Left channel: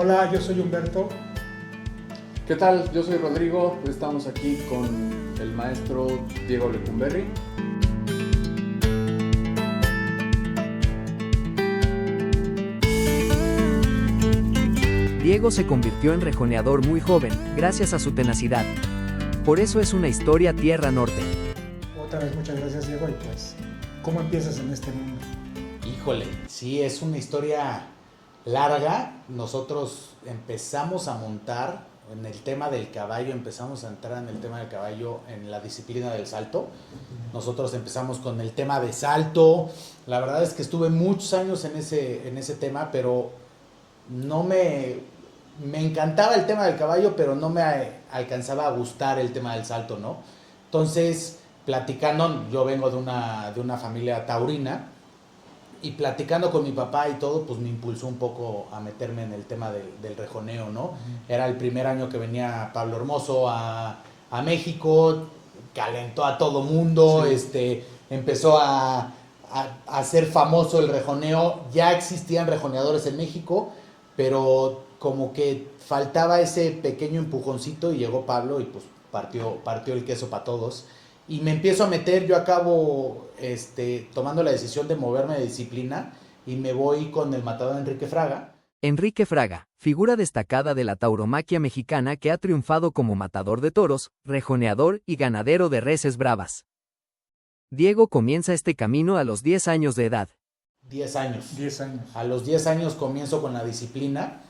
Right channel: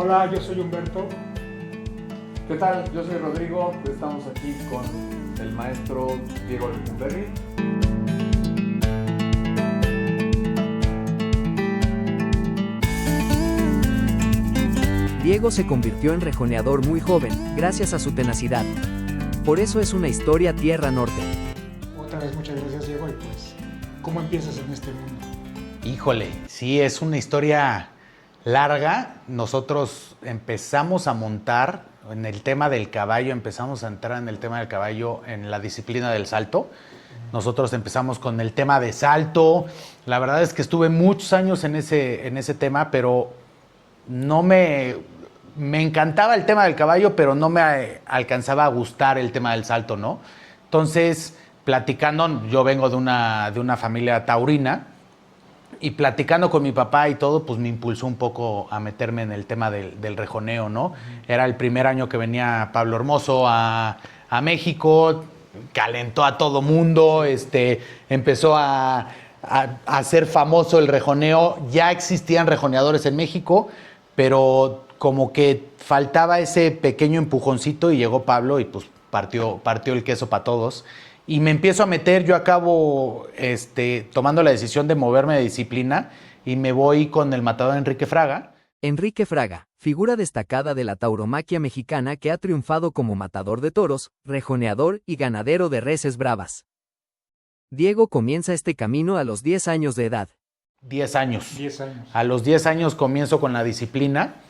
Hola, yo soy Humberto. ¿Qué tal? Yo soy Rodrigo, estamos aquí con el maestro Diego Lecumberri. Diego se convirtió en rejoneador muy joven, gracias a su tenacidad. Por eso es una historia tierra norte. Otra vez muchas gracias, Diego. Y pues, ¿cómo empiezas en este mundo? Híjole, sí, es una historia larga. Nosotros empezamos a montar en el tema del caballo, empezamos a entrar en el tema del caballo en la disciplina del salto. Nosotros empezamos con el tema de salto. La verdad es que estuve muchos años en ese tema, pero no me encantaba el tema del caballo, pero no me alcanzaba a gustar el tema del salto, ¿no? Entonces, platicando, yo vengo de una familia taurina, y platicando con mi papá y todo, pues me impulsó un poco a meterme en el tema del rejoneo, ¿no? Era el primer año que venía Pablo Hermoso a México, calentó a todo mundo, empezó a hacer famoso el rejoneo. Ya existían rejoneadores en México, pero como que faltaba ese pequeño empujoncito y llegó Pablo y pues partió el queso para todos. Y me empiezo a meter, yo acabo tomando la decisión de moverme de disciplina y me voy con el matador Enrique Fraga. Enrique Fraga, figura destacada de la tauromaquia mexicana que ha triunfado como matador de toros, rejoneador y ganadero de reses bravas. Diego comienza este camino a los 10 años de edad. 10 años. 10 años. A los 10 años comienzo con la disciplina.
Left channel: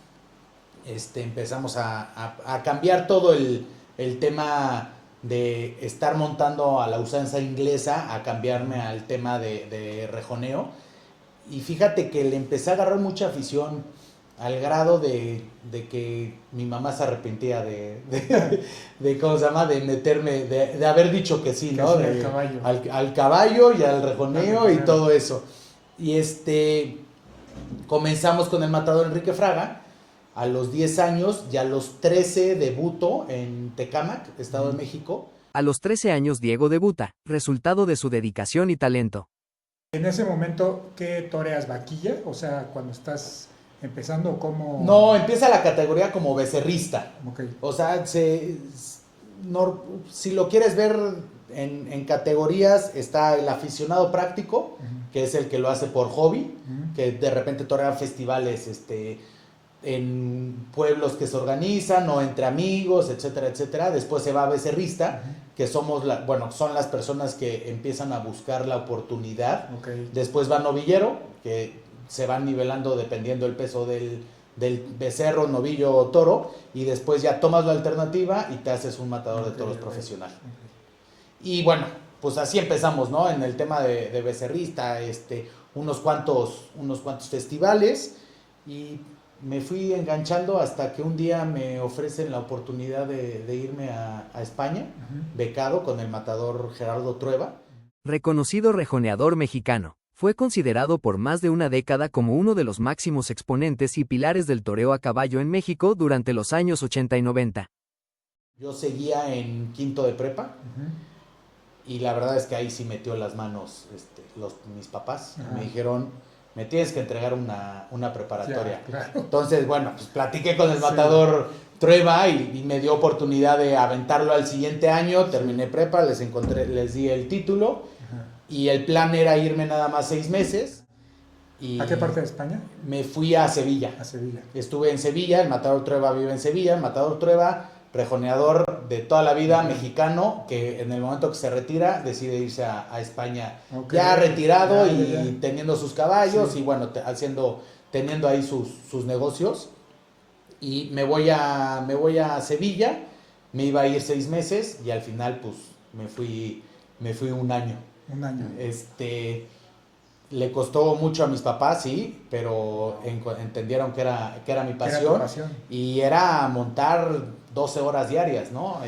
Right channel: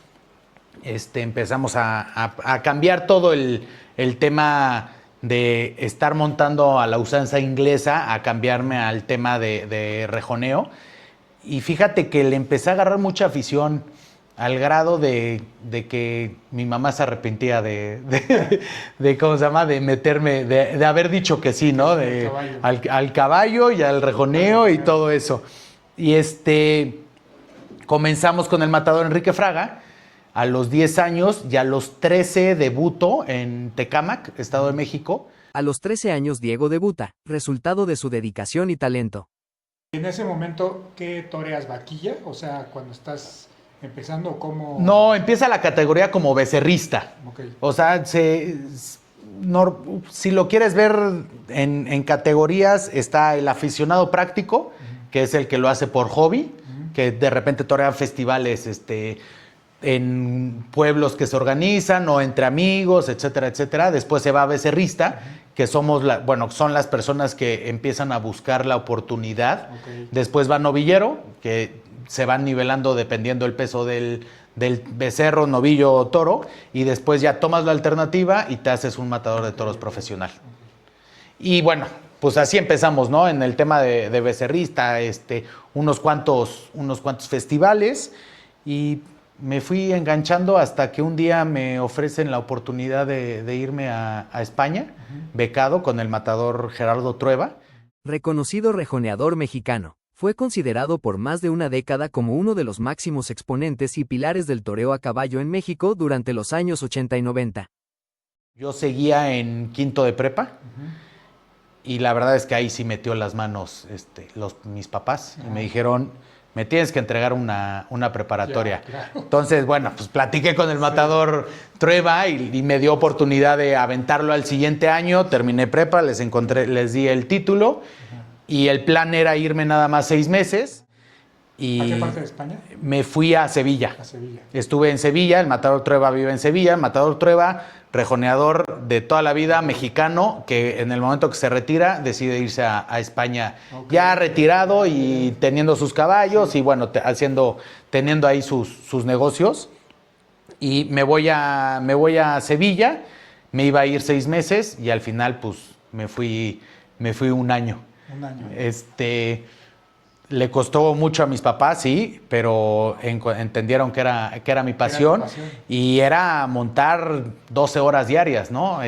Empezamos a cambiar todo el tema de estar montando a la usanza inglesa, a cambiarme al tema de rejoneo. Y fíjate que le empecé a agarrar mucha afición al grado de que mi mamá se arrepentía de ¿cómo se llama? De meterme, de haber dicho que sí, ¿no? Al caballo y al rejoneo y todo eso. Y comenzamos con el matador Enrique Fraga. A los 10 años y a los 13 debuto en Tecámac, Estado de México. A los 13 años Diego debuta, resultado de su dedicación y talento. En ese momento, ¿qué toreas? ¿Vaquilla? O sea, cuando estás empezando, ¿cómo...? No, empieza la categoría como becerrista. Okay. O sea, si lo quieres ver en categorías, está el aficionado práctico, que es el que lo hace por hobby, que de repente torea festivales, en pueblos que se organizan o entre amigos, etcétera, etcétera. Después se va a becerrista, que son las personas que empiezan a buscar la oportunidad. Okay. Después va novillero, que se van nivelando dependiendo el peso del becerro, novillo o toro, y después ya tomas la alternativa y te haces un matador de toros profesional. Y bueno, pues así empezamos, ¿no? En el tema de becerrista, unos cuantos festivales, y me fui enganchando hasta que un día me ofrecen la oportunidad de irme a España, becado con el matador Gerardo Trueba. Reconocido rejoneador mexicano, fue considerado por más de una década como uno de los máximos exponentes y pilares del toreo a caballo en México durante los años 80 y 90. Yo seguía en quinto de prepa, y la verdad es que ahí sí metió las manos mis papás, y me dijeron: me tienes que entregar una preparatoria. Claro. Entonces, bueno, pues platiqué con el matador Trueba y me dio oportunidad de aventarlo al siguiente año. Terminé prepa, les di el título, y el plan era irme nada más 6 meses. Y ¿a qué parte de España? Me fui a Sevilla. A Sevilla. Estuve en Sevilla, el matador Trueba vive en Sevilla. El matador Trueba, rejoneador de toda la vida, mexicano, que en el momento que se retira decide irse a España, ya retirado y teniendo sus caballos, y bueno, teniendo ahí sus negocios. Y me voy a Sevilla, me iba a ir 6 meses y al final pues me fui un año. Un año. Le costó mucho a mis papás, sí, pero entendieron que era mi pasión. Y era montar 12 horas diarias, ¿no?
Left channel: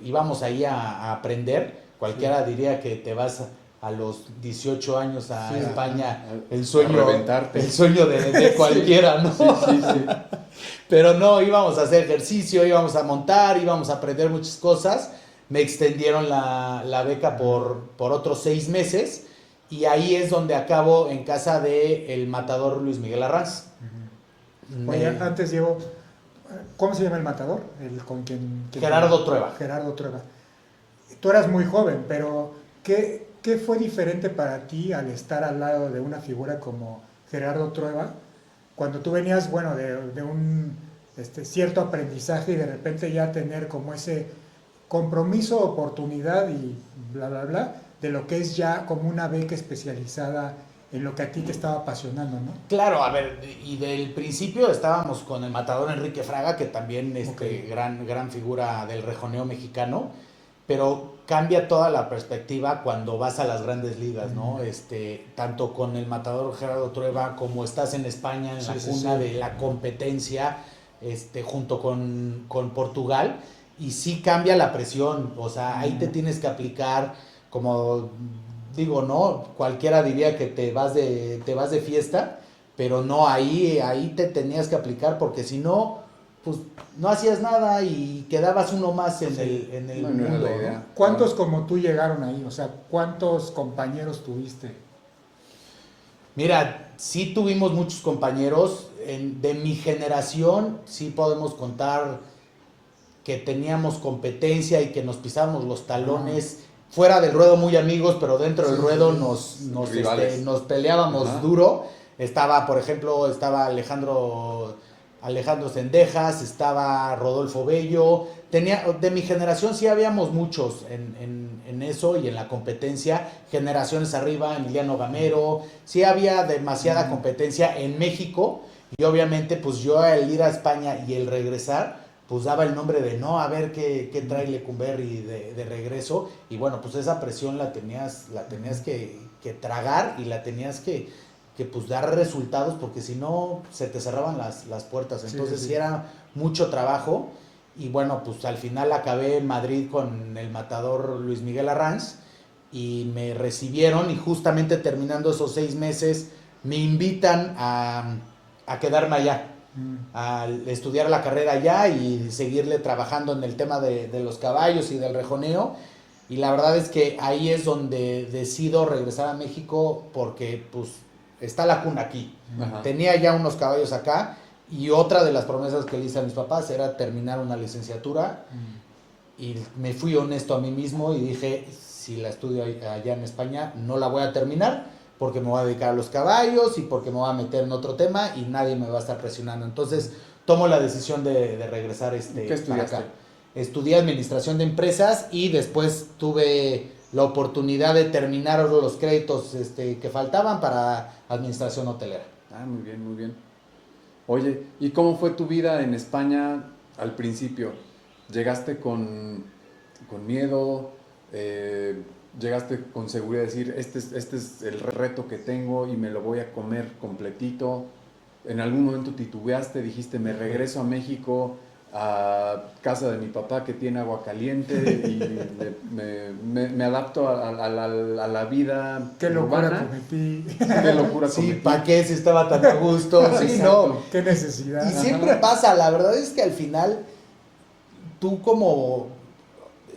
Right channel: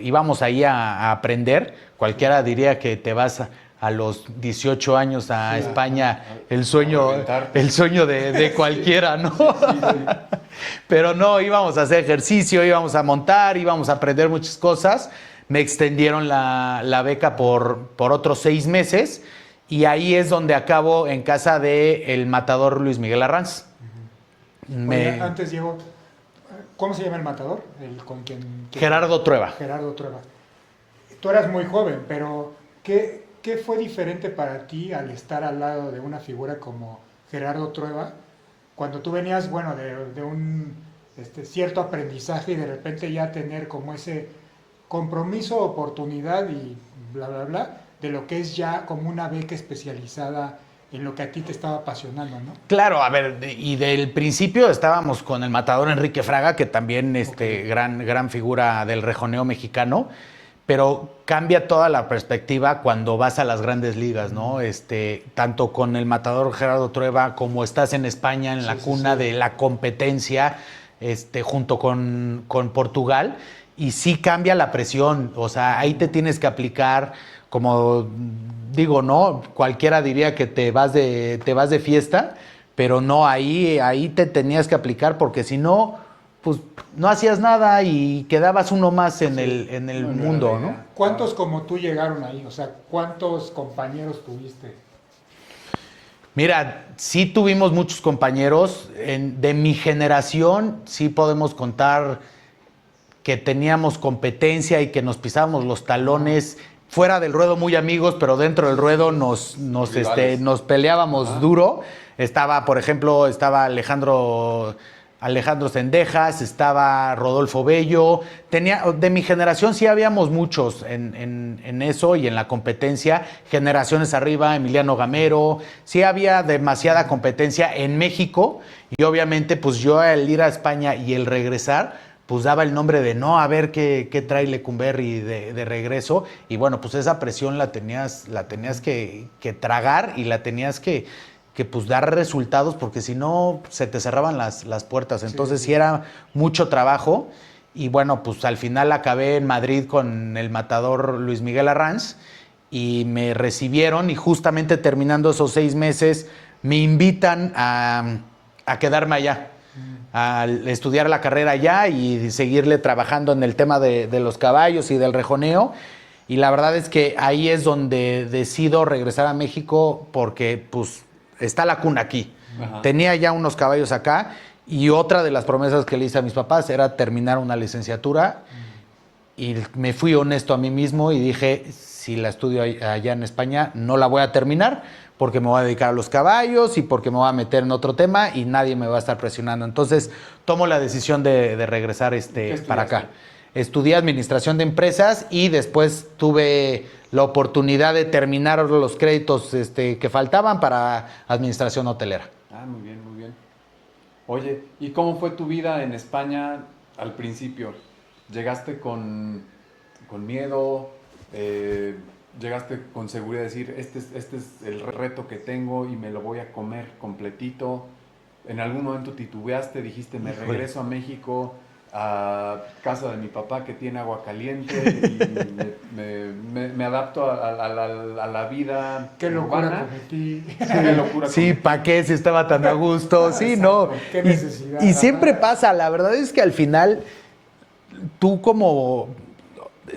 Íbamos ahí a aprender. Cualquiera diría que te vas a los 18 años a España, el sueño de cualquiera, ¿no? Sí. Pero no, íbamos a hacer ejercicio, íbamos a montar, íbamos a aprender muchas cosas. Me extendieron la beca por otros 6 meses. Y ahí es donde acabo en casa del matador Luis Miguel Arranz. Oye, antes, Diego, ¿cómo se llama el matador? El con Gerardo Trueba. Gerardo Trueba. Tú eras muy joven, pero ¿qué fue diferente para ti al estar al lado de una figura como Gerardo Trueba? Cuando tú venías, bueno, de un cierto aprendizaje y de repente ya tener como ese compromiso, oportunidad y bla, bla, bla, de lo que es ya como una beca especializada en lo que a ti te estaba apasionando, ¿no? Claro, a ver, y del principio estábamos con el matador Enrique Fraga, que también gran figura del rejoneo mexicano, pero cambia toda la perspectiva cuando vas a las grandes ligas, ¿no? Tanto con el matador Gerardo Trueba como estás en España, en la cuna de la competencia, junto con Portugal, y sí cambia la presión, o sea, ahí te tienes que aplicar, como digo, ¿no? Cualquiera diría que te vas de fiesta, pero no, ahí te tenías que aplicar, porque si no, pues no hacías nada y quedabas uno más en el mundo, ¿no? ¿Cuántos como tú llegaron ahí? O sea, ¿cuántos compañeros tuviste? Mira, sí tuvimos muchos compañeros. De mi generación sí podemos contar que teníamos competencia y que nos pisábamos los talones. Fuera del ruedo muy amigos, pero dentro del ruedo nos peleábamos duro. Por ejemplo, estaba Alejandro Cendejas, estaba Rodolfo Bello. De mi generación sí habíamos muchos en eso y en la competencia. Generaciones arriba, Emiliano Gamero. Sí había demasiada competencia en México. Y obviamente, pues yo al ir a España y el regresar, pues daba el nombre de no, a ver qué trae Lecumberri de regreso. Y bueno, pues esa presión la tenías que tragar y la tenías que pues dar resultados, porque si no se te cerraban las puertas. Entonces sí era mucho trabajo. Y bueno, pues al final acabé en Madrid con el matador Luis Miguel Arranz y me recibieron, y justamente terminando esos 6 meses me invitan a quedarme allá, a estudiar la carrera allá y seguirle trabajando en el tema de los caballos y del rejoneo. Y la verdad es que ahí es donde decido regresar a México, porque pues está la cuna aquí. Ajá. Tenía ya unos caballos acá, y otra de las promesas que le hice a mis papás era terminar una licenciatura. Y me fui honesto a mí mismo y dije, si la estudio allá en España, no la voy a terminar, porque me voy a dedicar a los caballos y porque me voy a meter en otro tema y nadie me va a estar presionando. Entonces tomo la decisión de regresar para acá. Estudié administración de empresas y después tuve la oportunidad de terminar los créditos que faltaban para administración hotelera. Ah, muy bien, muy bien. Oye, ¿y cómo fue tu vida en España al principio? ¿Llegaste con miedo? ¿Llegaste con seguridad de decir, este es el reto que tengo y me lo voy a comer completito? ¿En algún momento titubeaste? Dijiste, me regreso a México, a casa de mi papá que tiene agua caliente y me adapto a la vida qué urbana. Locura cometí. Qué locura sí, cometí. ¿para qué si estaba tan a gusto? Sí, no. Qué necesidad. Y siempre pasa, la verdad es que al final tú, como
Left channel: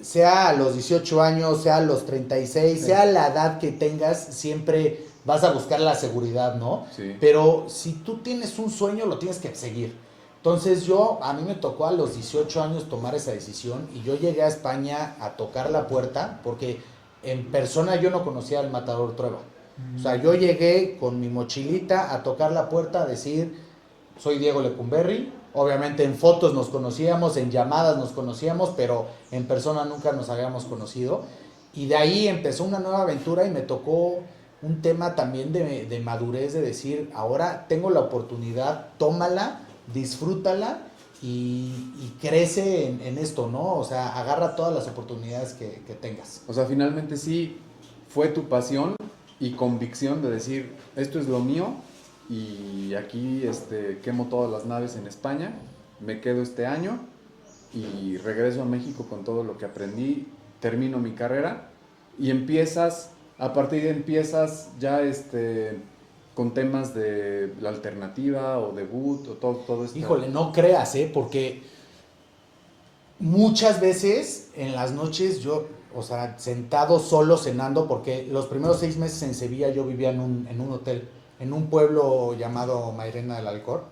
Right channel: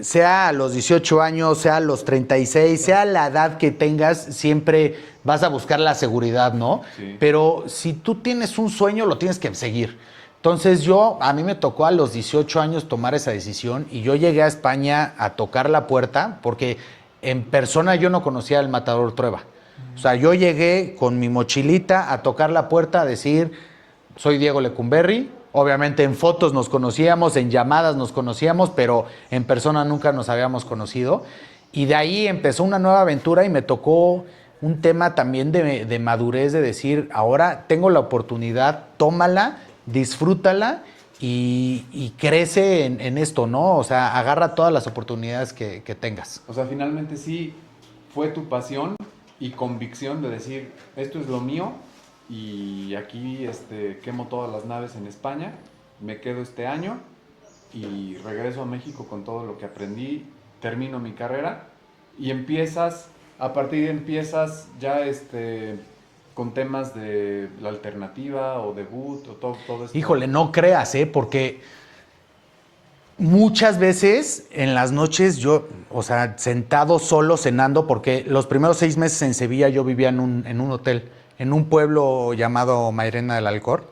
sea a los 18 años, sea a los 36, sea la edad que tengas, siempre vas a buscar la seguridad, ¿no? Sí. Pero si tú tienes un sueño, lo tienes que seguir. Entonces a mí me tocó a los 18 años tomar esa decisión, y yo llegué a España a tocar la puerta, porque en persona yo no conocía al matador Trueba. O sea, yo llegué con mi mochilita a tocar la puerta, a decir, soy Diego Lecumberri. Obviamente en fotos nos conocíamos, en llamadas nos conocíamos, pero en persona nunca nos habíamos conocido. Y de ahí empezó una nueva aventura, y me tocó un tema también de madurez, de decir, ahora tengo la oportunidad, tómala, disfrútala y crece en esto, ¿no? O sea, agarra todas las oportunidades que tengas. O sea, finalmente sí fue tu pasión y convicción de decir, esto es lo mío, y aquí quemo todas las naves en España, me quedo este año y regreso a México con todo lo que aprendí, termino mi carrera y a partir de empiezas ya con temas de la alternativa o debut o todo esto. Híjole, no creas, porque muchas veces en las noches yo, o sea, sentado solo cenando, porque los primeros 6 meses en Sevilla yo vivía en un hotel, en un pueblo llamado Mairena del Alcor,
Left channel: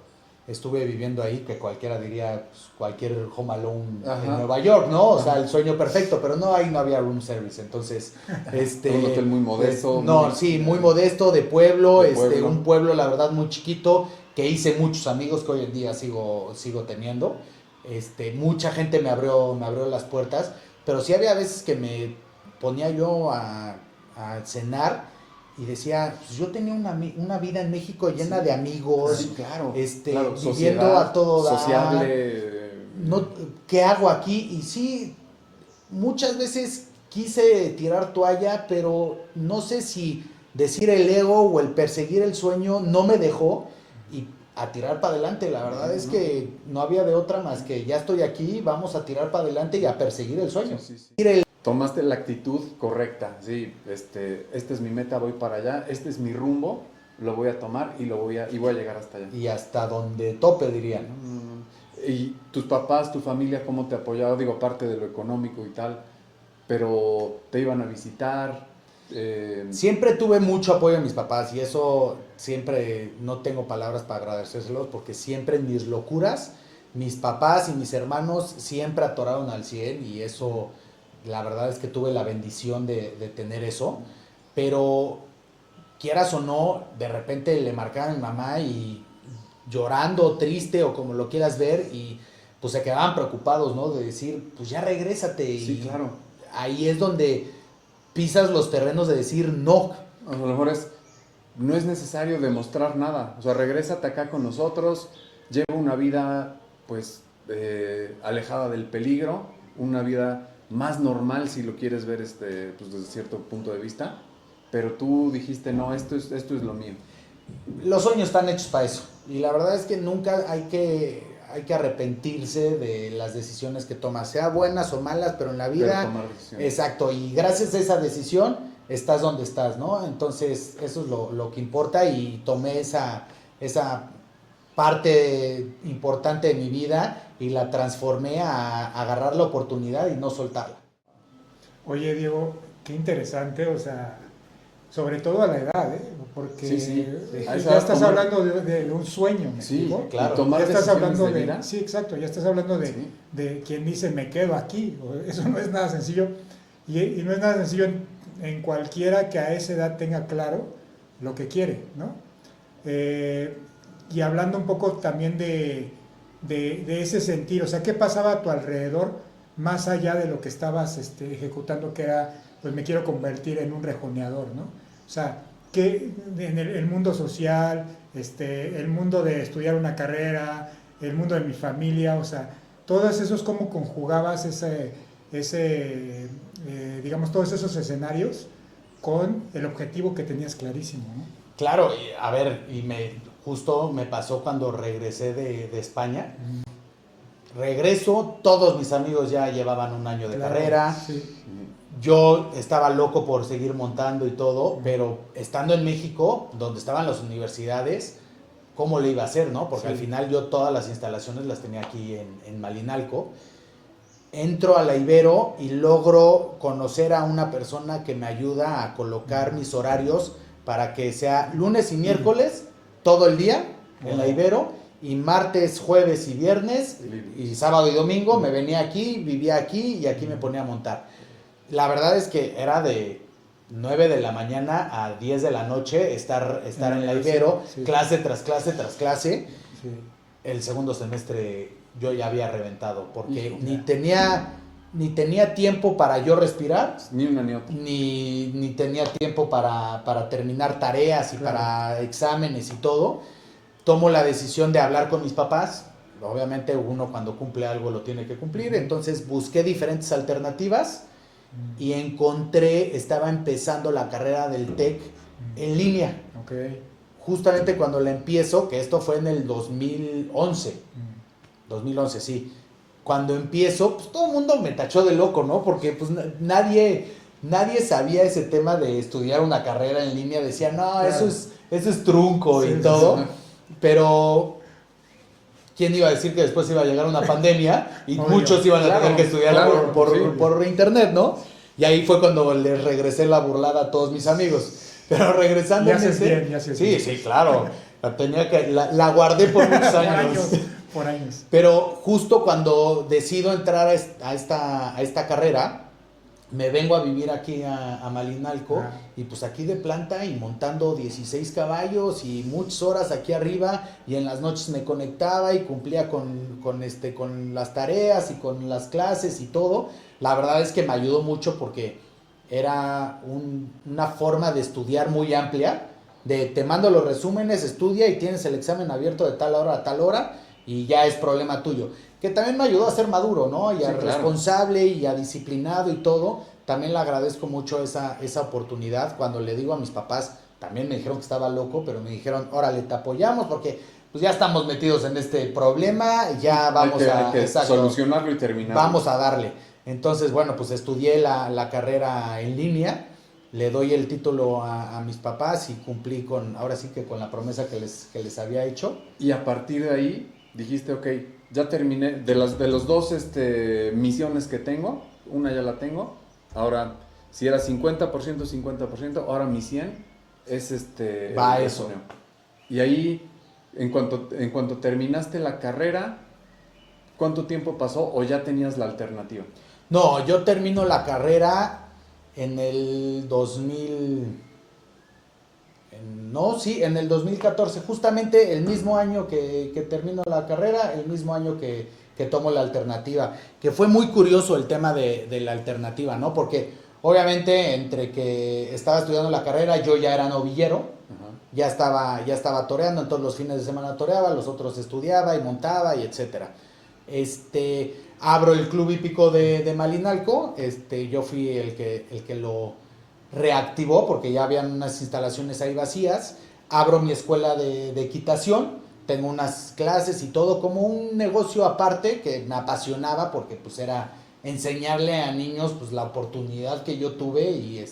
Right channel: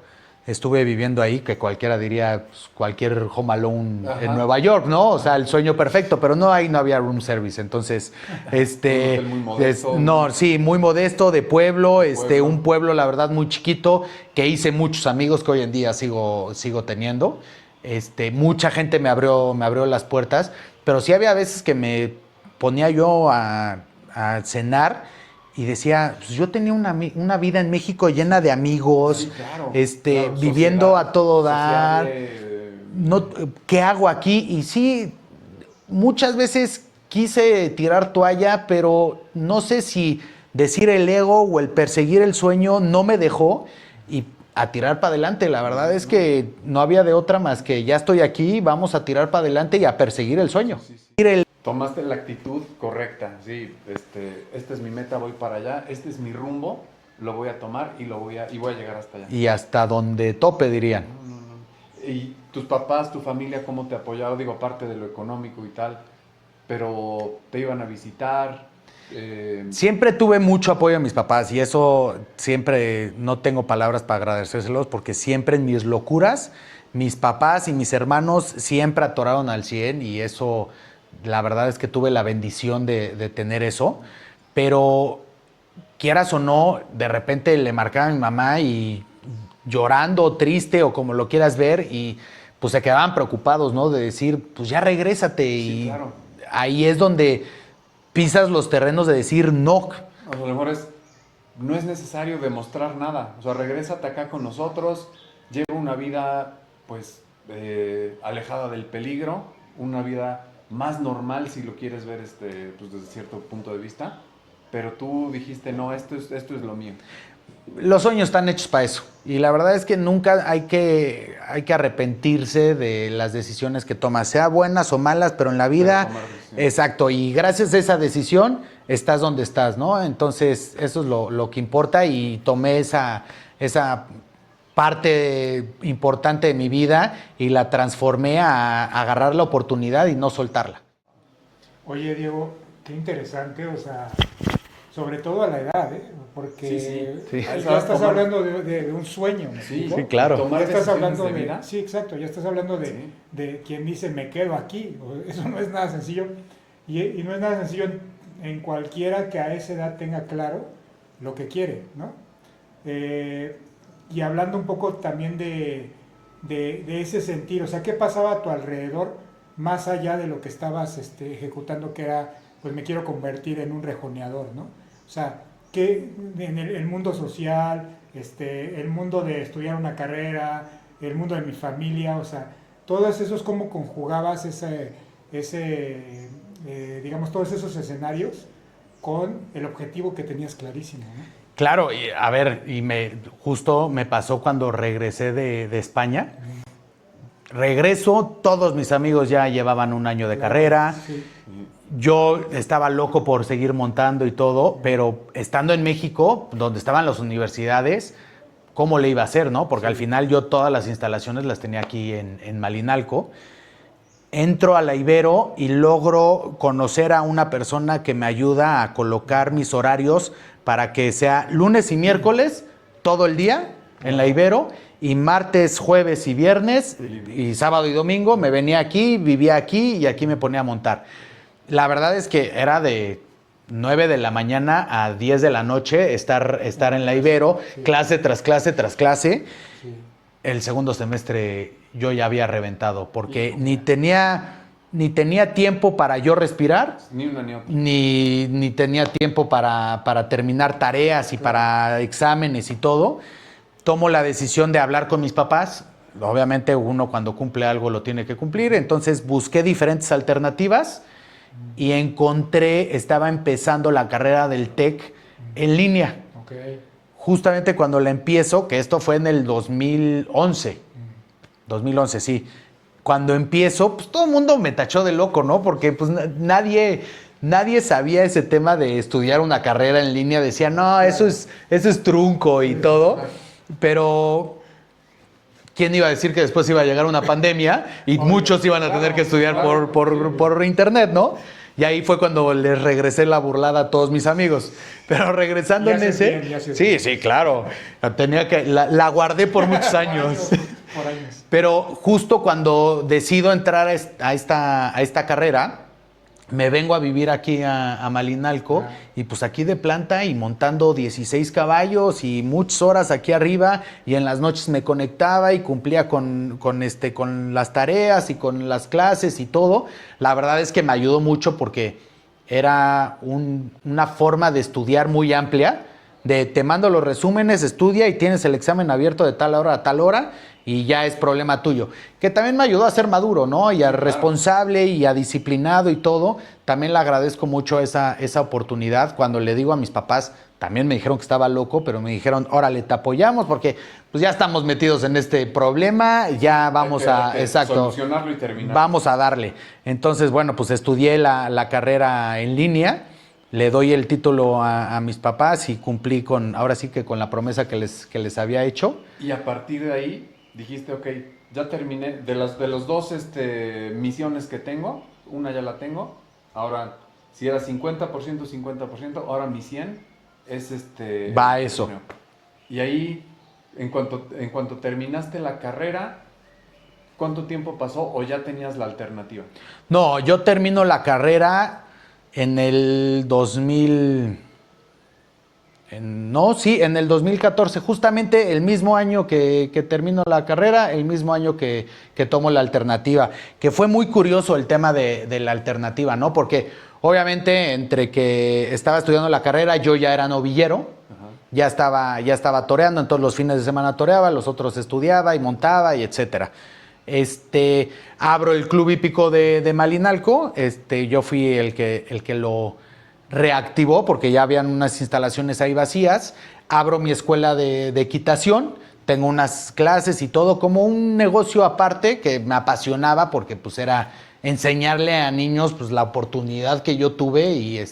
estuve viviendo ahí, que cualquiera diría pues, cualquier Home Alone Ajá. en Nueva York, ¿no? O sea, el sueño perfecto, pero no, ahí no había room service. Entonces, Un hotel muy modesto. no, sí, muy modesto, de pueblo, De pueblo. un pueblo, la verdad, muy chiquito, que hice muchos amigos que hoy en día sigo teniendo. Mucha gente me abrió las puertas, pero sí había veces que me ponía yo a cenar y decía, pues yo tenía una vida en México llena de amigos, Sí, claro. Claro, viviendo sociedad, a todo dar. sociable, No, ¿qué hago aquí? Y sí, muchas veces quise tirar toalla, pero no sé si decir el ego o el perseguir el sueño no me dejó y a tirar para adelante. La verdad es que no había de otra más que ya estoy aquí, vamos a tirar para adelante y a perseguir el sueño. Sí, sí. Tomaste la actitud correcta, sí, esta es mi meta, voy para allá, este es mi rumbo, lo voy a tomar y voy a llegar hasta allá. Y hasta donde tope, dirían. No. Y tus papás, tu familia, ¿cómo te apoyaron? Digo, aparte de lo económico y tal, pero te iban a visitar. Siempre tuve mucho apoyo de mis papás y eso siempre no tengo palabras para agradecérselos porque siempre en mis locuras, mis papás y mis hermanos siempre atoraron al 100 y eso, la verdad es que tuve la bendición de tener eso, pero quieras o no, de repente le marcaba a mi mamá y llorando, triste o como lo quieras ver y pues se quedaban preocupados, ¿no? De decir, pues ya regrésate Sí, y claro. ahí es donde pisas los terrenos de decir no. A lo mejor no es necesario demostrar nada, o sea, regrésate acá con nosotros, lleva una vida pues alejada del peligro, una vida más normal si lo quieres ver pues, desde cierto punto de vista, pero tú dijiste, no, esto es lo mío. Los sueños están hechos para eso. Y la verdad es que nunca hay que arrepentirse de las decisiones que tomas, sea buenas o malas, pero en la vida, exacto, y gracias a esa decisión estás donde estás, ¿no? Entonces eso es lo que importa y tomé esa parte importante de mi vida y la transformé a agarrar la oportunidad y no soltarla. Oye, Diego, qué interesante, o sea, sobre todo a la edad, ¿eh? Porque Sí. ya estás hablando de un sueño, ¿me Sí, explico? claro. Tomar Ya estás decisiones hablando de vida. sí, exacto, ya estás hablando Sí. de quien dice me quedo aquí. Eso no es nada sencillo. Y no es nada sencillo en cualquiera que a esa edad tenga claro lo que quiere, ¿no? Y hablando un poco también de ese sentir, o sea, ¿qué pasaba a tu alrededor más allá de lo que estabas ejecutando, que era, pues me quiero convertir en un rejoneador, ¿no? O sea, que en el mundo social, el mundo de estudiar una carrera, el mundo de mi familia, o sea, todos esos, ¿cómo conjugabas digamos, todos esos escenarios con el objetivo que tenías clarísimo, ¿no? Claro, y a ver, justo me pasó cuando regresé de España. Regreso, todos mis amigos ya llevaban un año de carrera. Sí. Yo estaba loco por seguir montando y todo, pero estando en México, donde estaban las universidades, ¿cómo le iba a hacer, no? Porque al final yo todas las instalaciones las tenía aquí en Malinalco. Entro a la Ibero y logro conocer a una persona que me ayuda a colocar mis horarios para que sea lunes y miércoles, todo el día en la Ibero, y martes, jueves y viernes, y sábado y domingo me venía aquí, vivía aquí y aquí me ponía a montar. La verdad es que era de 9 de la mañana a 10 de la noche estar en la Ibero, sí. clase tras clase tras clase. Sí. El segundo semestre yo ya había reventado porque ni tenía tiempo para yo respirar, Ni una ni otra. ni tenía tiempo para terminar tareas y Claro. para exámenes y todo. Tomo la decisión de hablar con mis papás. Obviamente uno cuando cumple algo lo tiene que cumplir. Entonces busqué diferentes alternativas y estaba empezando la carrera del TEC en línea. Okay. Justamente cuando la empiezo, que esto fue en el 2011. 2011, sí. Cuando empiezo, pues todo el mundo me tachó de loco, ¿no? Porque pues nadie sabía ese tema de estudiar una carrera en línea. Decía, no, claro, eso es trunco sí, y todo. Sí. Pero ¿quién iba a decir que después iba a llegar una pandemia y muchos iban a tener que estudiar por internet, ¿no? Y ahí fue cuando les regresé la burlada a todos mis amigos. Pero regresando en ese... Bien, sí, sí, claro. La guardé por muchos años. Por años. Pero justo cuando decido entrar a esta carrera, me vengo a vivir aquí a Malinalco y pues aquí de planta y montando 16 caballos y muchas horas aquí arriba y en las noches me conectaba y cumplía con las tareas y con las clases y todo. La verdad es que me ayudó mucho porque era una forma de estudiar muy amplia, de te mando los resúmenes, estudia y tienes el examen abierto de tal hora a tal hora y ya es problema tuyo. Que también me ayudó a ser maduro, ¿no? Y a responsable y a disciplinado y todo. También le agradezco mucho esa oportunidad. Cuando le digo a mis papás, también me dijeron que estaba loco, pero me dijeron, órale, te apoyamos porque pues ya estamos metidos en este problema, ya vamos hay que solucionarlo y terminarlo. Vamos a darle. Entonces, bueno, pues estudié la carrera en línea, le doy el título a mis papás y cumplí ahora sí que con la promesa que les había hecho. Y a partir de ahí dijiste, ok, ya terminé, de los dos misiones que tengo, una ya la tengo, ahora si era 50%, 50%, ahora mi 100 es Va eso. Y ahí, en cuanto terminaste la carrera, ¿cuánto tiempo pasó o ya tenías la alternativa? No, yo termino la carrera en el 2000... en el 2014, justamente el mismo año que termino la carrera, el mismo año que tomo la alternativa, que fue muy curioso el tema de la alternativa, ¿no? Porque obviamente entre que estaba estudiando la carrera, yo ya era novillero, ya estaba toreando, entonces los fines de semana toreaba, los otros estudiaba y montaba y etcétera. Abro el Club Hípico de Malinalco, yo fui el que lo reactivó porque ya habían unas instalaciones ahí vacías, abro mi escuela de equitación, tengo unas clases y todo como un negocio aparte que me apasionaba porque pues era enseñarle a niños pues la oportunidad que yo tuve y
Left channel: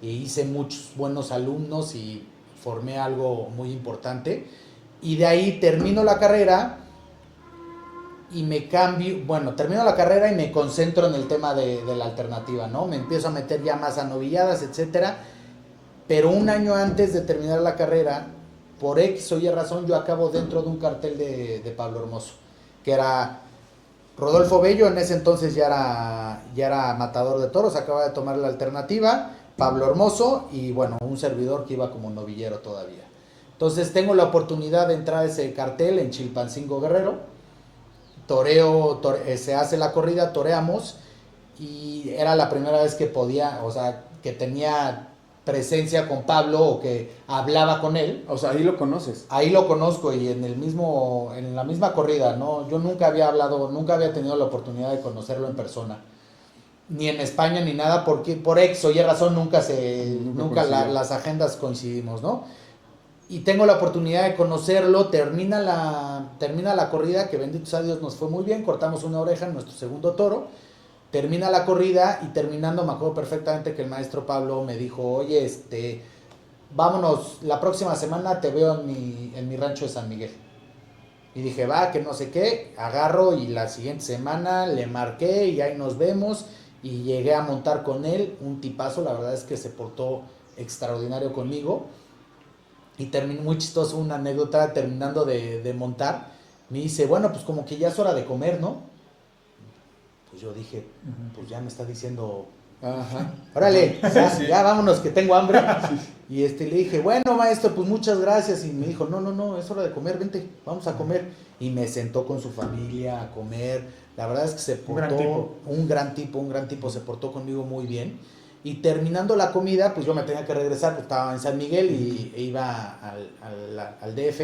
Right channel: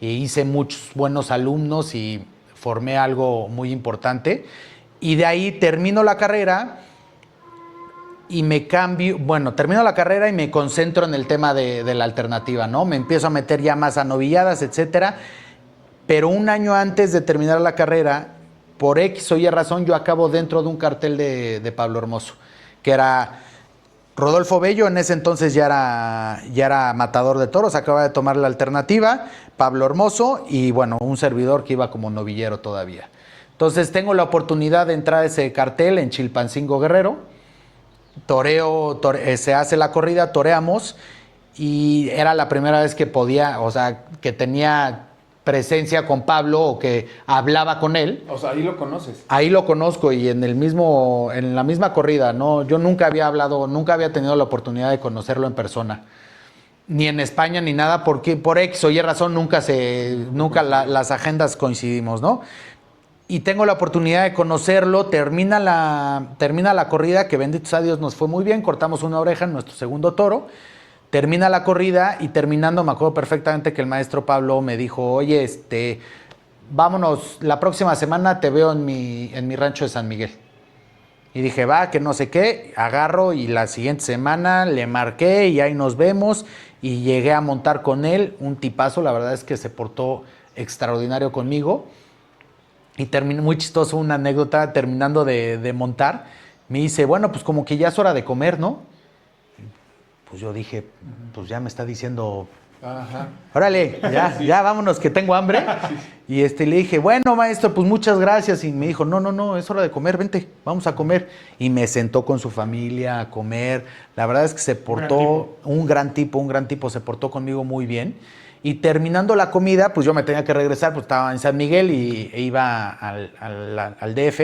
hice muchos buenos alumnos y formé algo muy importante y de ahí termino la carrera y termino la carrera y me concentro en el tema de la alternativa, ¿no? Me empiezo a meter ya más a novilladas, etcétera. Pero un año antes de terminar la carrera, por X o Y razón, yo acabo dentro de un cartel de Pablo Hermoso, que era Rodolfo Bello, en ese entonces ya era matador de toros, acaba de tomar la alternativa, Pablo Hermoso y, bueno, un servidor que iba como novillero todavía. Entonces tengo la oportunidad de entrar a ese cartel en Chilpancingo Guerrero. Se hace la corrida, toreamos y era la primera vez que podía, o sea, que tenía presencia con Pablo o que hablaba con él. O sea, ahí lo conoces. Ahí lo conozco y en la misma corrida, ¿no? Yo nunca había tenido la oportunidad de conocerlo en persona. Ni en España ni nada, porque por X o Y razón nunca las agendas coincidimos, ¿no? Y tengo la oportunidad de conocerlo, termina la corrida, que bendito sea Dios nos fue muy bien, cortamos una oreja en nuestro segundo toro, termina la corrida y terminando me acuerdo perfectamente que el maestro Pablo me dijo, oye, vámonos, la próxima semana te veo en mi rancho de San Miguel. Y dije, va, que no sé qué, agarro y la siguiente semana le marqué y ahí nos vemos y llegué a montar con él, un tipazo, la verdad es que se portó extraordinario conmigo. Y terminó muy chistoso una anécdota, terminando de montar, me dice, bueno, pues como que ya es hora de comer, ¿no? Pues yo dije, pues ya me está diciendo, órale, ya vámonos que tengo hambre. Y le dije, bueno, maestro, pues muchas gracias. Y me dijo, no, es hora de comer, vente, vamos a comer. Y me sentó con su familia a comer. La verdad es que se portó un gran tipo, se portó conmigo muy bien. Y terminando la comida, pues yo me tenía que regresar, pues estaba en San Miguel e iba al DF.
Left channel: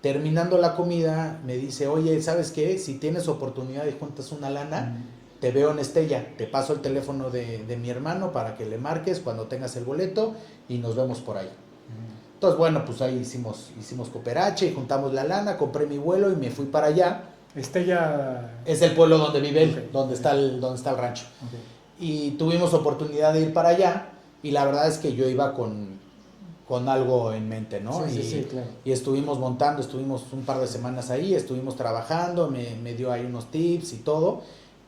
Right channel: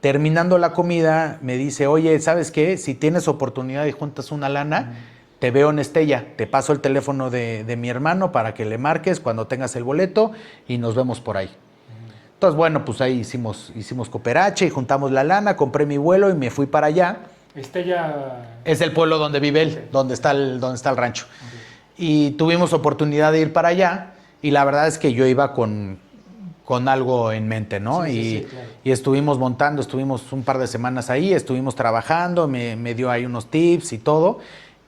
Terminando la comida, me dice, oye, ¿sabes qué? Si tienes oportunidad y juntas una lana, te veo en Estella. Te paso el teléfono de mi hermano para que le marques cuando tengas el boleto y nos vemos por ahí. Entonces, bueno, pues ahí hicimos cooperache y juntamos la lana, compré mi vuelo y me fui para allá. Estella... Es el pueblo donde vive él, donde está el rancho. Okay. Y tuvimos oportunidad de ir para allá y la verdad es que yo iba con algo en mente, ¿no? Sí, claro. Y estuvimos montando, estuvimos un par de semanas ahí, estuvimos trabajando, me dio ahí unos tips y todo.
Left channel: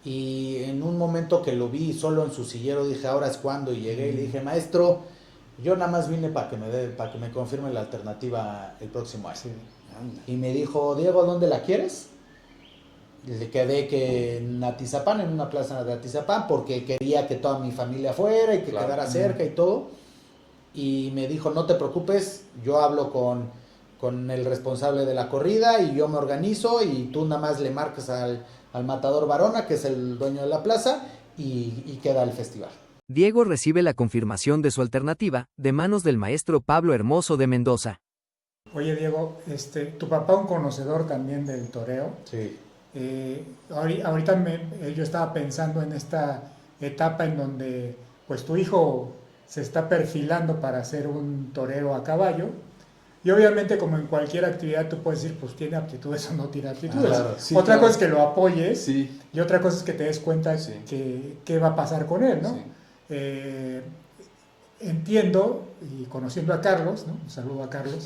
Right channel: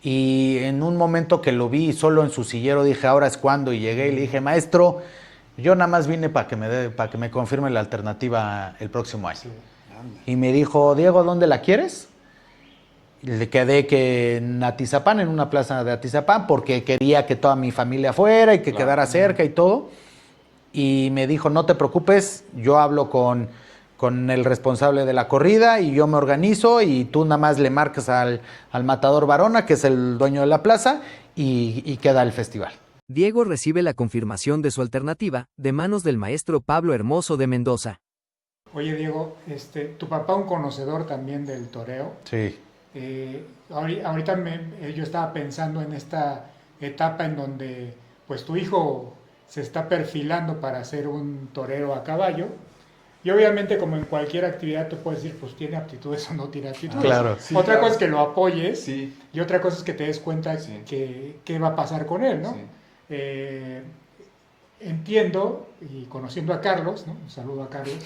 Y en un momento que lo vi solo en su sillero, dije, ahora es cuando. Y llegué y le dije, maestro, yo nada más vine para que me confirme la alternativa el próximo año. Sí. Y me dijo, Diego, ¿dónde la quieres? Y le quedé que en Atizapán, en una plaza de Atizapán, porque quería que toda mi familia fuera y que Claro. quedara cerca y todo. Y me dijo, no te preocupes, yo hablo con el responsable de la corrida y yo me organizo y tú nada más le marcas al matador Varona, que es el dueño de la plaza, y queda el festival. Diego recibe la confirmación de su alternativa de manos del maestro Pablo Hermoso de Mendoza. Oye, Diego, tu papá un conocedor también del toreo. Sí. Ahorita yo estaba pensando en esta etapa en donde pues tu hijo se está perfilando para ser un torero a caballo y obviamente como en cualquier actividad tú puedes decir pues tiene aptitudes o no tiene aptitudes. Claro. Sí, Otra claro. cosa es que lo apoyes Sí. y otra cosa es que te des cuenta Sí. que qué va a pasar con él, ¿no? Sí. Entiendo y conociendo a Carlos, ¿no? Un saludo a Carlos,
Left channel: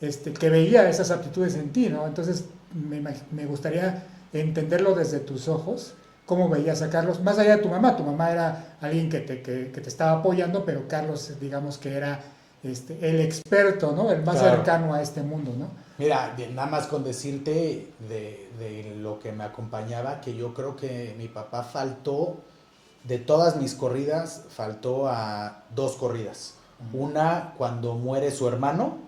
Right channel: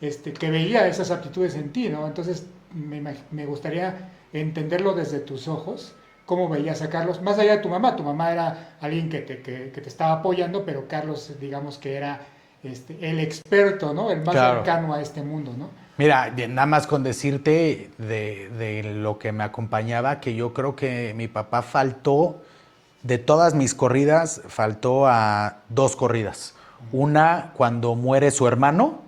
que veía esas aptitudes en ti, ¿no? Entonces me gustaría entenderlo desde tus ojos, cómo veías a Carlos, más allá de tu mamá era alguien que te estaba apoyando, pero Carlos, digamos que era el experto, ¿no? El más Claro. cercano a este mundo, ¿no? Mira, nada más con decirte de lo que me acompañaba, que yo creo que mi papá faltó, de todas mis corridas, faltó a 2 corridas. Una cuando muere su hermano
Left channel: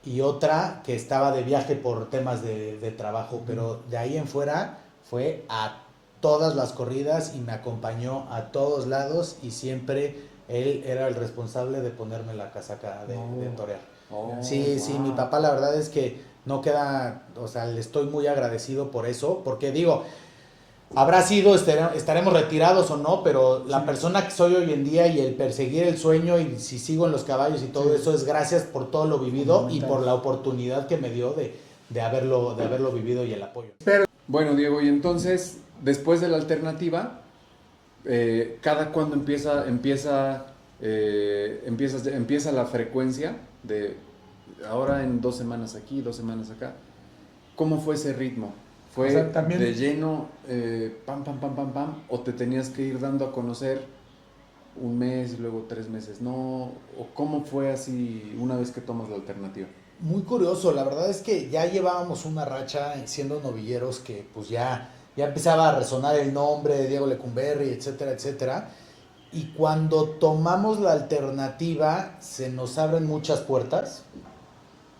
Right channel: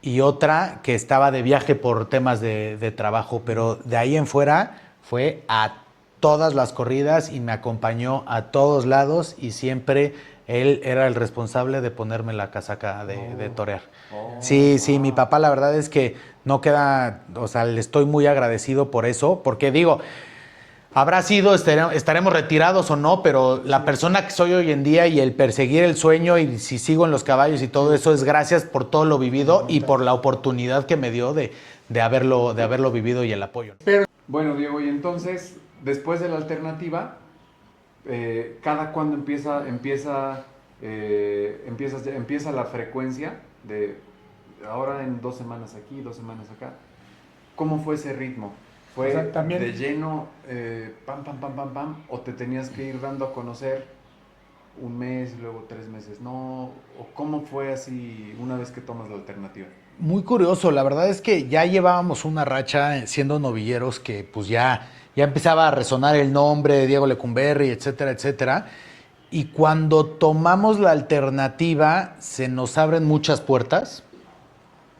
y otra que estaba de viaje por temas de trabajo, pero de ahí en fuera fue a todas las corridas y me acompañó a todos lados y siempre él era el responsable de ponerme la casaca de torear. Oh, Sí, sí, wow. mi papá la verdad es que no queda, o sea, le estoy muy agradecido por eso, porque digo, habrá sido, estaremos retirados o no, pero la persona que soy hoy en día y el perseguir el sueño y si sigo en los caballos y todo eso es gracias por todo lo vivido y por la oportunidad que me dio de haberlo vivido y el apoyo. Bueno, Diego, y entonces, después de la alternativa, ¿cada cuándo empieza la frecuencia de ahora en 2 semanas aquí, 2 semanas acá? ¿Cómo fue ese ritmo? ¿Fue O sea, también- de lleno, pam, pam, pam, pam, pam? ¿O te tenías que ir dando a conocer 1 mes y luego 3 meses? ¿No? ¿O cómo fue así una vez que tomas la alternativa? Muy curioso, la verdad es que ya llevábamos una racha siendo novilleros que pues ya empezaba a resonar el nombre de Diego Lecumberri, etcétera, etcétera. Y cuando tomamos la alternativa se nos abren muchas puertas.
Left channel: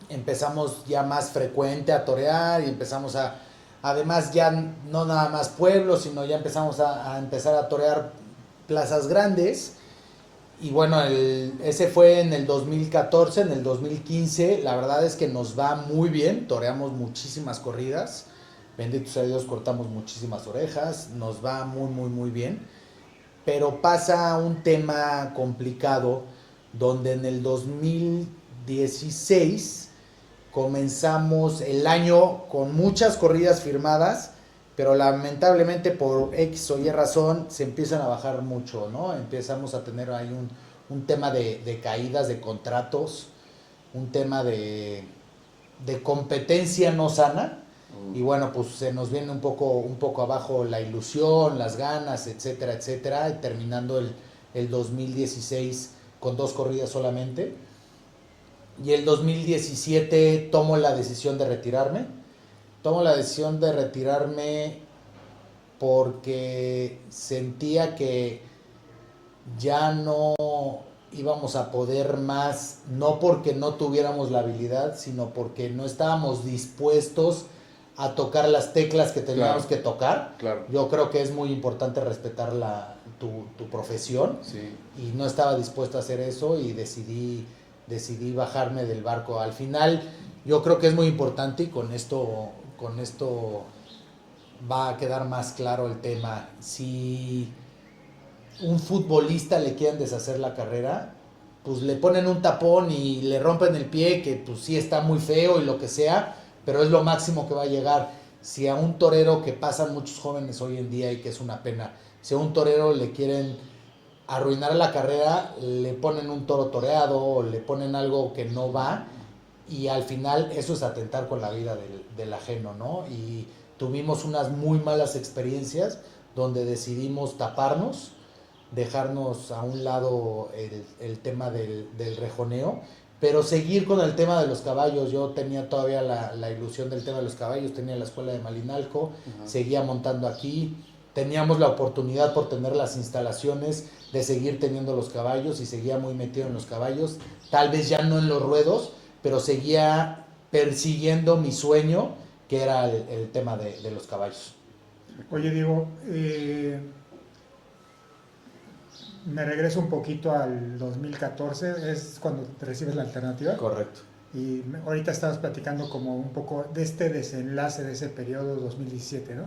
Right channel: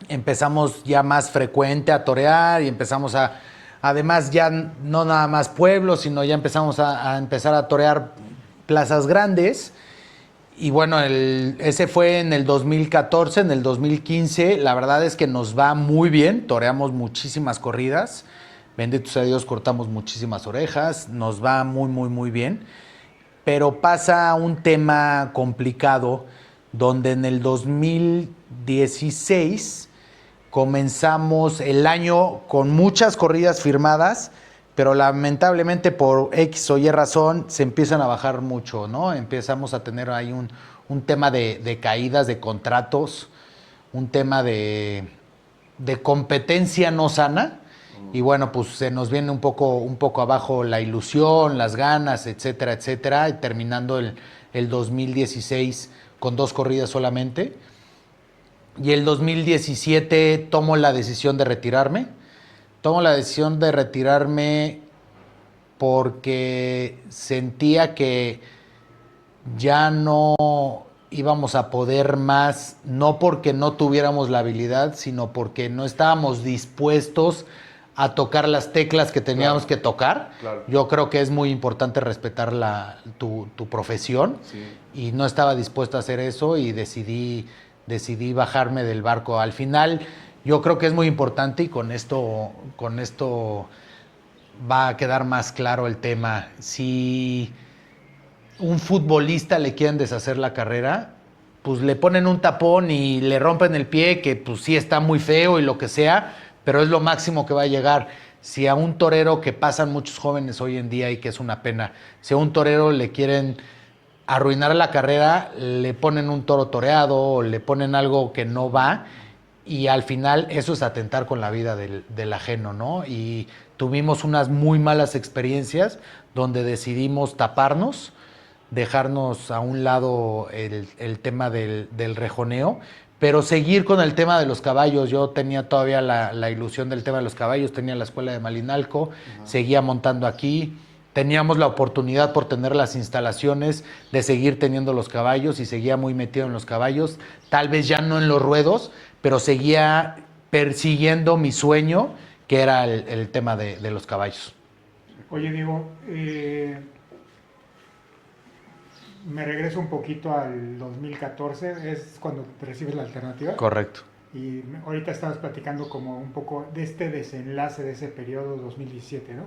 Empezamos ya más frecuente a torear y empezamos además ya no nada más pueblos, sino ya empezamos a empezar a torear plazas grandes. Y bueno, ese fue en el 2014, en el 2015, la verdad es que nos va muy bien, toreamos muchísimas corridas, bendito sea Dios, cortamos muchísimas orejas, nos va muy, muy, muy bien, pero pasa un tema complicado donde en el 2016 comenzamos el año con muchas corridas firmadas, pero lamentablemente por X o Y razón se empiezan a bajar mucho, ¿no? Empezamos a tener ahí un tema de caídas de contratos, un tema de competencia no sana. Y bueno, pues se nos viene un poco abajo la ilusión, las ganas, etcétera, etcétera, y terminando el 2016 con 2 corridas solamente. Y el 2017 tomo la decisión de retirarme. Tomo la decisión de retirarme porque sentía que ya no íbamos a poder más, no porque no tuviéramos la habilidad, sino porque no estábamos dispuestos a tocar las teclas que teníamos Claro. que tocar. Claro. Yo creo que es muy importante respetar tu profesión Sí. y no estaba dispuesto a hacer eso y decidí bajarme del barco. Al final, yo creo que es muy importante y con esto va a quedar más claro el tema. Si un futbolista le quieren deshacer la carrera, pues le ponen un tapón y le rompen el pie, que pues sí está muy feo y lo que sea, pero es lo máximo que va a llegar. Si a un torero, que pasan muchos jóvenes hoy en día y que es una pena, si a un torero le quieren arruinar la carrera, le ponen un toro toreado o le ponen algo que no va y al final eso es atentar con la vida del ajeno, ¿no? Y tuvimos unas muy malas experiencias donde decidimos taparnos, dejarnos a un lado el tema del rejoneo, pero seguir con el tema de los caballos. Yo tenía todavía la ilusión del tema de los caballos, tenía la escuela de Malinalco, seguía montando aquí, teníamos la oportunidad por tener las instalaciones de seguir teniendo los caballos y seguía muy metido en los caballos, tal vez ya no en los ruedos, pero seguía persiguiendo mi sueño, que era el tema de los caballos. Oye, Diego, me regreso un poquito al 2014, es cuando te recibes la alternativa. Correcto. Y ahorita estabas platicando como un poco de este desenlace de ese periodo 2017, ¿no?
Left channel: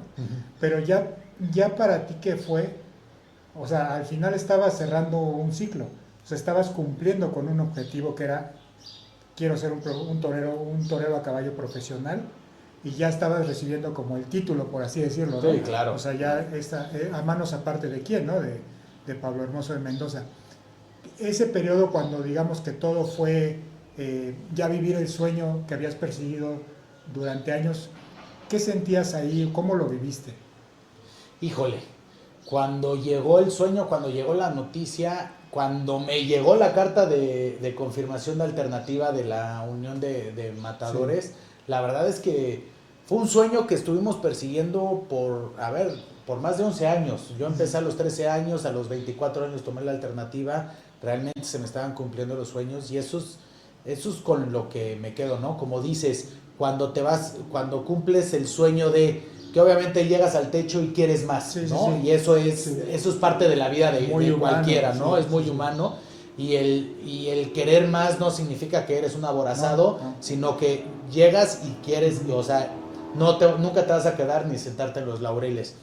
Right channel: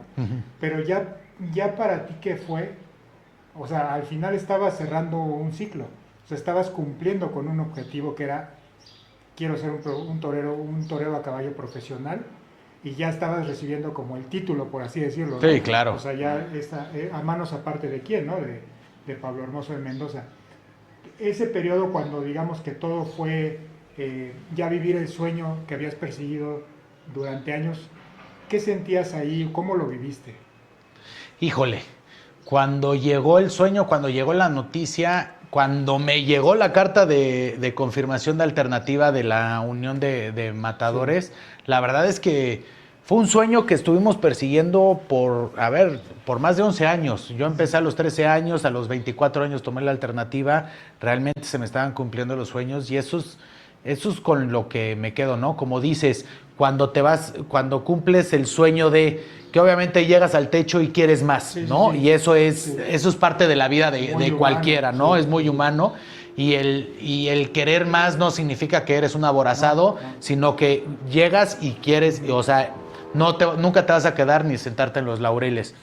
Pero ya para ti, ¿qué fue? O sea, al final estabas cerrando un ciclo, o sea, estabas cumpliendo con un objetivo que era, quiero ser un torero a caballo profesional, y ya estabas recibiendo como el título, por así decirlo, ¿no? Sí, claro. O sea, ya a manos aparte de quién, ¿no? De Pablo Hermoso de Mendoza. Ese periodo cuando digamos que todo fue ya vivir el sueño que habías perseguido durante años, ¿qué sentías ahí? ¿Cómo lo viviste? Híjole, cuando llegó el sueño, cuando llegó la noticia, cuando me llegó la carta de confirmación de alternativa de la Unión de Matadores, sí, la verdad es que fue un sueño que estuvimos persiguiendo por más de 11 años. Yo empecé a los 13 años, a los 24 años tomé la alternativa, realmente se me estaban cumpliendo los sueños y eso es con lo que me quedo, ¿no? Como dices, cuando cumples el sueño de que obviamente llegas al techo y quieres más, sí, ¿no? Sí, y eso es parte de la vida de cualquiera, ¿no? Sí, es muy humano. Y el querer más no significa que eres un aborazado, no. Sino que llegas y quieres, o sea, nunca te vas a quedar ni sentarte en los laureles.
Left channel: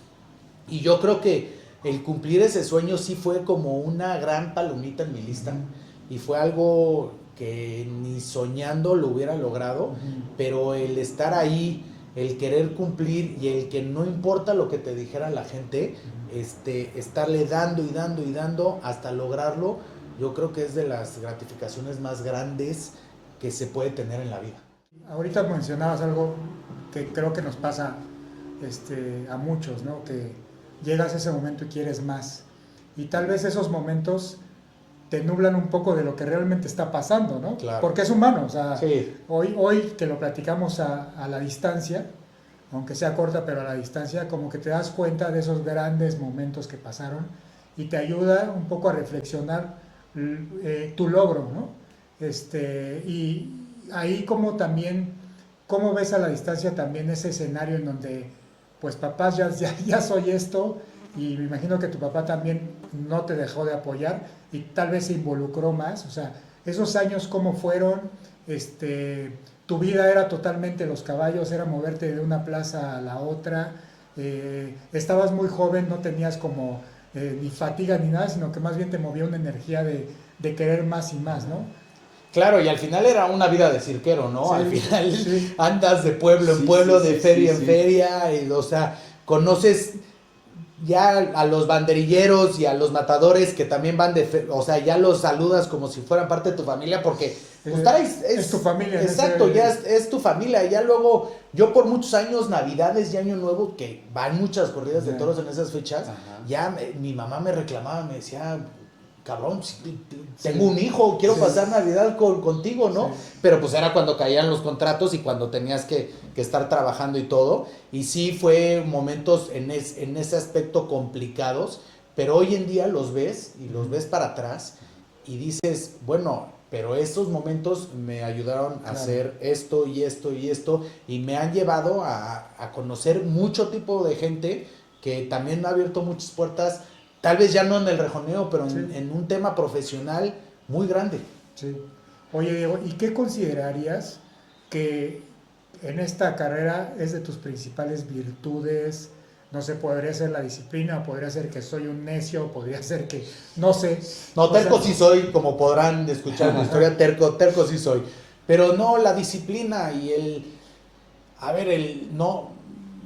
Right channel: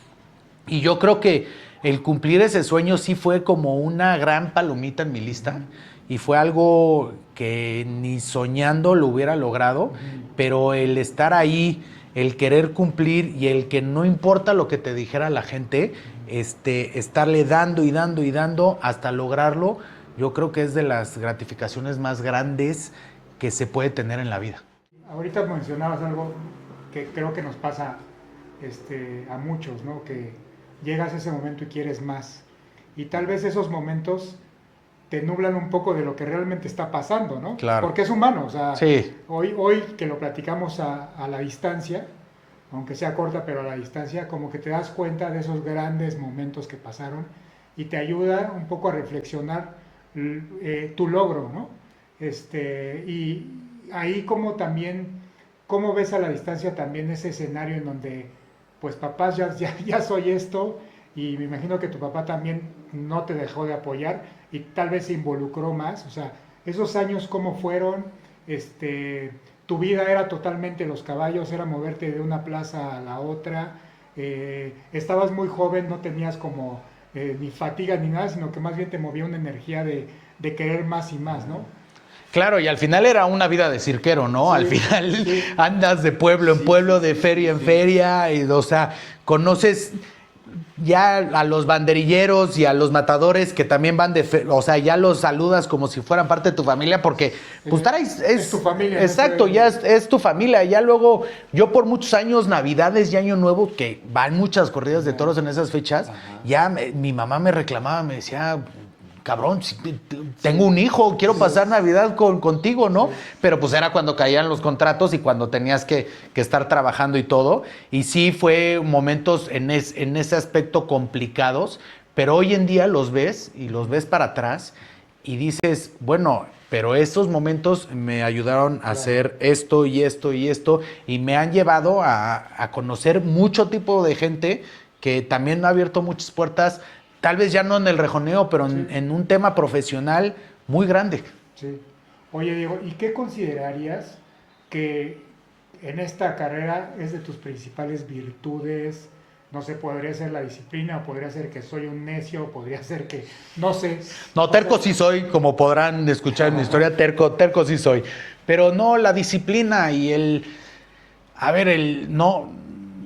Y yo creo que el cumplir ese sueño sí fue como una gran palomita en mi lista. Y fue algo que ni soñando lo hubiera logrado, pero el estar ahí, el querer cumplir y el que no importa lo que te dijera la gente, estarle dando y dando y dando hasta lograrlo, yo creo que es de las gratificaciones más grandes que se puede tener en la vida. Ahorita mencionabas algo que creo que nos pasa a muchos, ¿no? Que llegas a ese momento y quieres más. Y tal vez esos momentos te nublan un poco de lo que realmente está pasando, ¿no? Claro. Porque es humano, o sea, sí. Hoy que lo platicamos a la distancia, aunque sea corta, pero a la distancia, como que te das cuenta de esos grandes momentos que pasaron y te ayuda un poco a reflexionar tu logro, ¿no? Y ahí como también, ¿cómo ves a la distancia también ese escenario en donde, pues papás, ya soy esto, y me imagino que tu papá también no te dejó de apoyar y tal vez se involucró más? O sea, esos años, ¿cómo fueron? Tu vida era totalmente los caballos, era moverte de una plaza a la otra, estabas muy joven, no tenías como ni fatiga ni nada, sino que más bien te movía una energía de querer más y más, ¿no? Claro, y al final era una vida de cirquero, ¿no? Sí, al final sí. Andas de pueblo en pueblo, de feria en feria, y, o sea, conoces ya a los banderilleros y a los matadores que también van o sea, ya los saludas como si fueran parte de tu familia, porque pues es tu familia. Exacto, ya es tu familia. Ya luego, yo por muchos años, Navidades y Año Nuevo, que van muchas corridas de toros en esas fechas, ya mi mamá me reclamaba, me decía, cabrón, tengo un hijo, quiero pasar Navidad contigo, ¿no? Sí. Pero pues era cuando caían los contratos y cuando tenías que estar trabajando y todo. Y sí fue momentos en ese aspecto complicados, pero hoy en día los ves y los ves para atrás y dices, bueno, pero esos momentos me ayudaron a hacer esto y esto y esto y me han llevado a conocer mucho tipo de gente que también ha abierto muchas puertas. Tal vez ya no en el rejoneo, pero en un tema profesional muy grande. Sí. Oye, Diego, ¿y qué considerarías que en esta carrera es de tus principales virtudes? No sé, podría ser la disciplina, o podría ser que soy un necio, o podría ser que, no sé. No, terco sí soy, como podrán escuchar en mi historia, terco sí soy. Pero no, la disciplina y el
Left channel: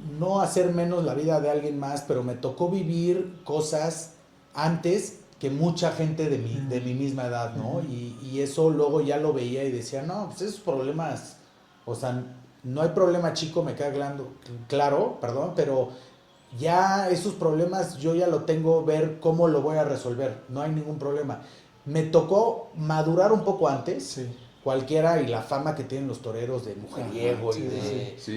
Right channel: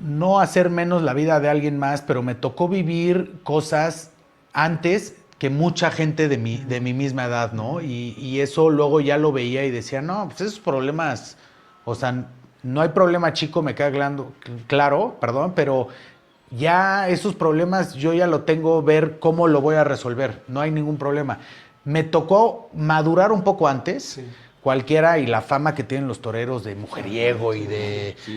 no hacer menos la vida de alguien más, pero me tocó vivir cosas antes que mucha gente de mi misma edad, ¿no? Y eso luego ya lo veía y decía, no, pues esos problemas, o sea, no hay problema chico, me queda claro, perdón, pero ya esos problemas yo ya lo tengo, ver cómo lo voy a resolver, no hay ningún problema. Me tocó madurar un poco antes, Sí. cualquiera, y la fama que tienen los toreros de mujeriego Sí,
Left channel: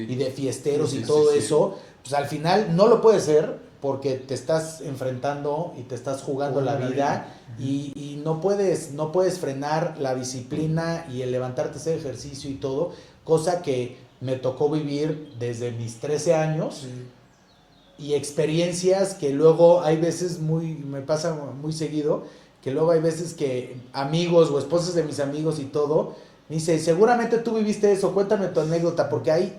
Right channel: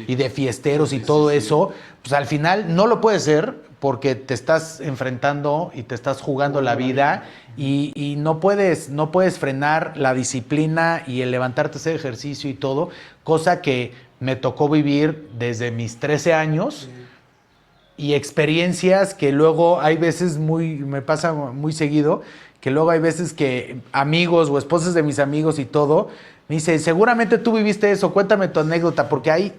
y de fiesteros Sí, y sí, todo sí. eso, pues al final no lo puedes ser porque te estás enfrentando y te estás jugando la vida y no puedes frenar la disciplina y el levantarte a hacer ejercicio y todo, cosa que me tocó vivir desde mis 13 años. Sí. Y experiencias que luego hay veces me pasa muy seguido, que luego hay veces que amigos o esposas de mis amigos y todo, me dicen, seguramente tú viviste eso, cuéntame tu anécdota, porque hay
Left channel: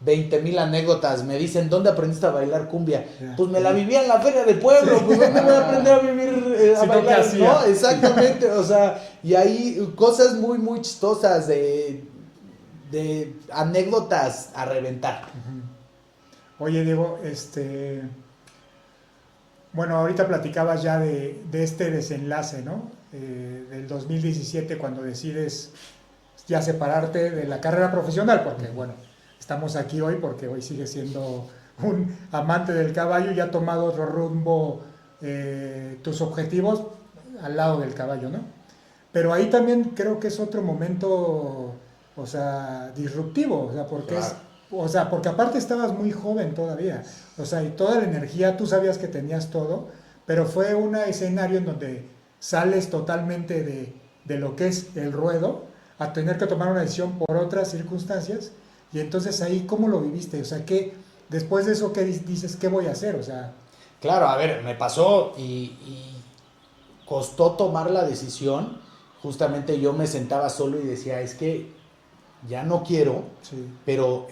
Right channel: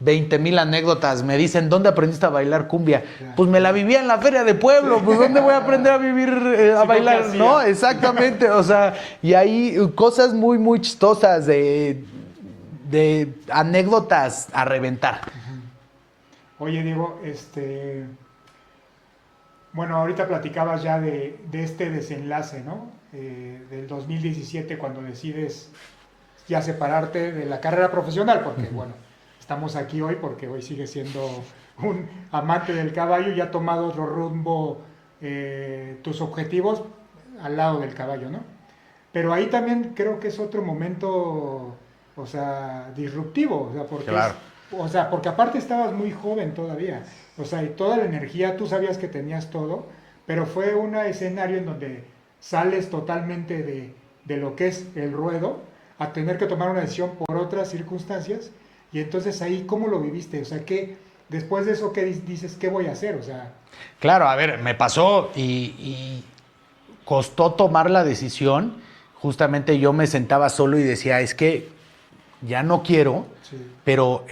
20,000 anécdotas. Me dicen, ¿dónde aprendiste a bailar cumbia? Ya. Pues me la vivía en la feria de pueblo, Sí. pues ¿dónde voy a aprender a vivir, a Sí, ¿no? ¿Qué bailar? hacía? ¿No? Exactamente, o sea, y hay cosas muy, muy chistosas de anécdotas a reventar. Oye, Diego, bueno, ahorita platicabas ya de este desenlace, ¿no? Del 2017, cuando decides ya separarte de la carrera profesional, porque, bueno, estamos aquí hoy porque hoy sigues siendo un amante del caballo y ha tomado otro rumbo tus objetivos al lado del caballo, ¿no? Pero ahí también creo que es otro momento, o sea, disruptivo, o sea, porque Claro. porque aparte estabas muy joven todavía, o sea, y toda la energía, tú sabías que tenías todo, pero fue un escenario en donde sales totalmente de lo que es el ruedo a tener que tomar una decisión por otras circunstancias, y entonces ahí, ¿cómo lo viviste? O sea, después de eso, ¿qué dices? ¿Qué voy a hacer? O sea, Claro, a ver, me pasó y costó tomar la decisión. Justamente yo me sentaba solo y decía, es que ya no quiero, sí, pero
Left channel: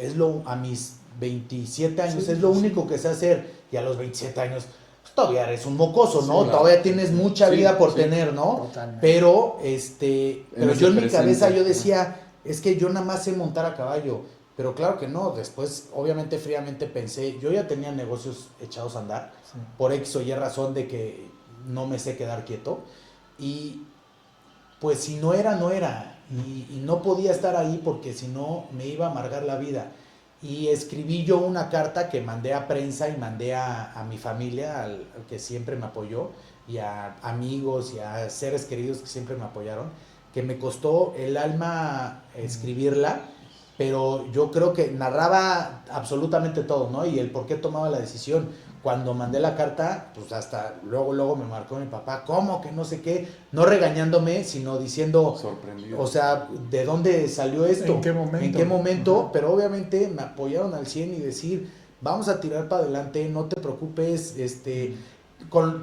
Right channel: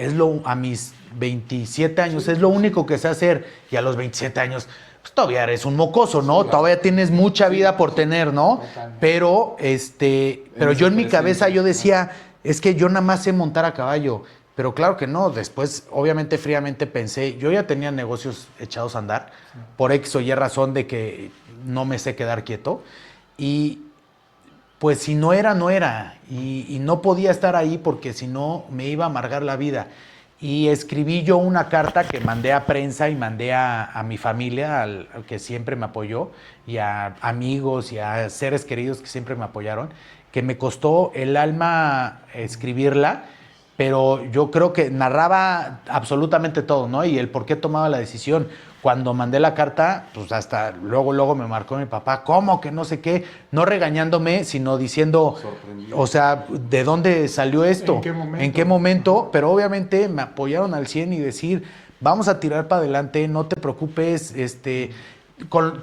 a mis 27 años Sí, es lo sí. único que sé hacer. Y a los 27 años, pues todavía eres un mocoso, ¿no? Sí, Todavía tienes mucha Sí, vida por sí. tener, ¿no? Totalmente. Pero, pero ese yo en mi presente, cabeza yo ¿no? decía, es que yo nada más sé montar a caballo. Pero claro que no. Después, obviamente, fríamente pensé, yo ya tenía negocios echados a andar, Sí. por X o Y razón de que no me sé quedar quieto. Y pues si no era, no era. Y no podía estar ahí porque si no me iba a amargar la vida. Y escribí yo una carta que mandé a prensa y mandé a mi familia, al que siempre me apoyó, y a amigos y a seres queridos que siempre me apoyaron, que me costó el alma escribirla, pero yo creo que narraba absolutamente todo, ¿no? Y el por qué tomaba la decisión. Cuando mandé la carta, pues hasta luego me marcó mi papá, ¿cómo que no sé qué? No regañándome, sino diciendo, Sorprendido. o sea, ¿de dónde salió esto? ¿En qué momento? ¿En qué momento? Ajá. Pero obviamente me apoyaron al 100 y decir, vamos a tirar para adelante, no te preocupes,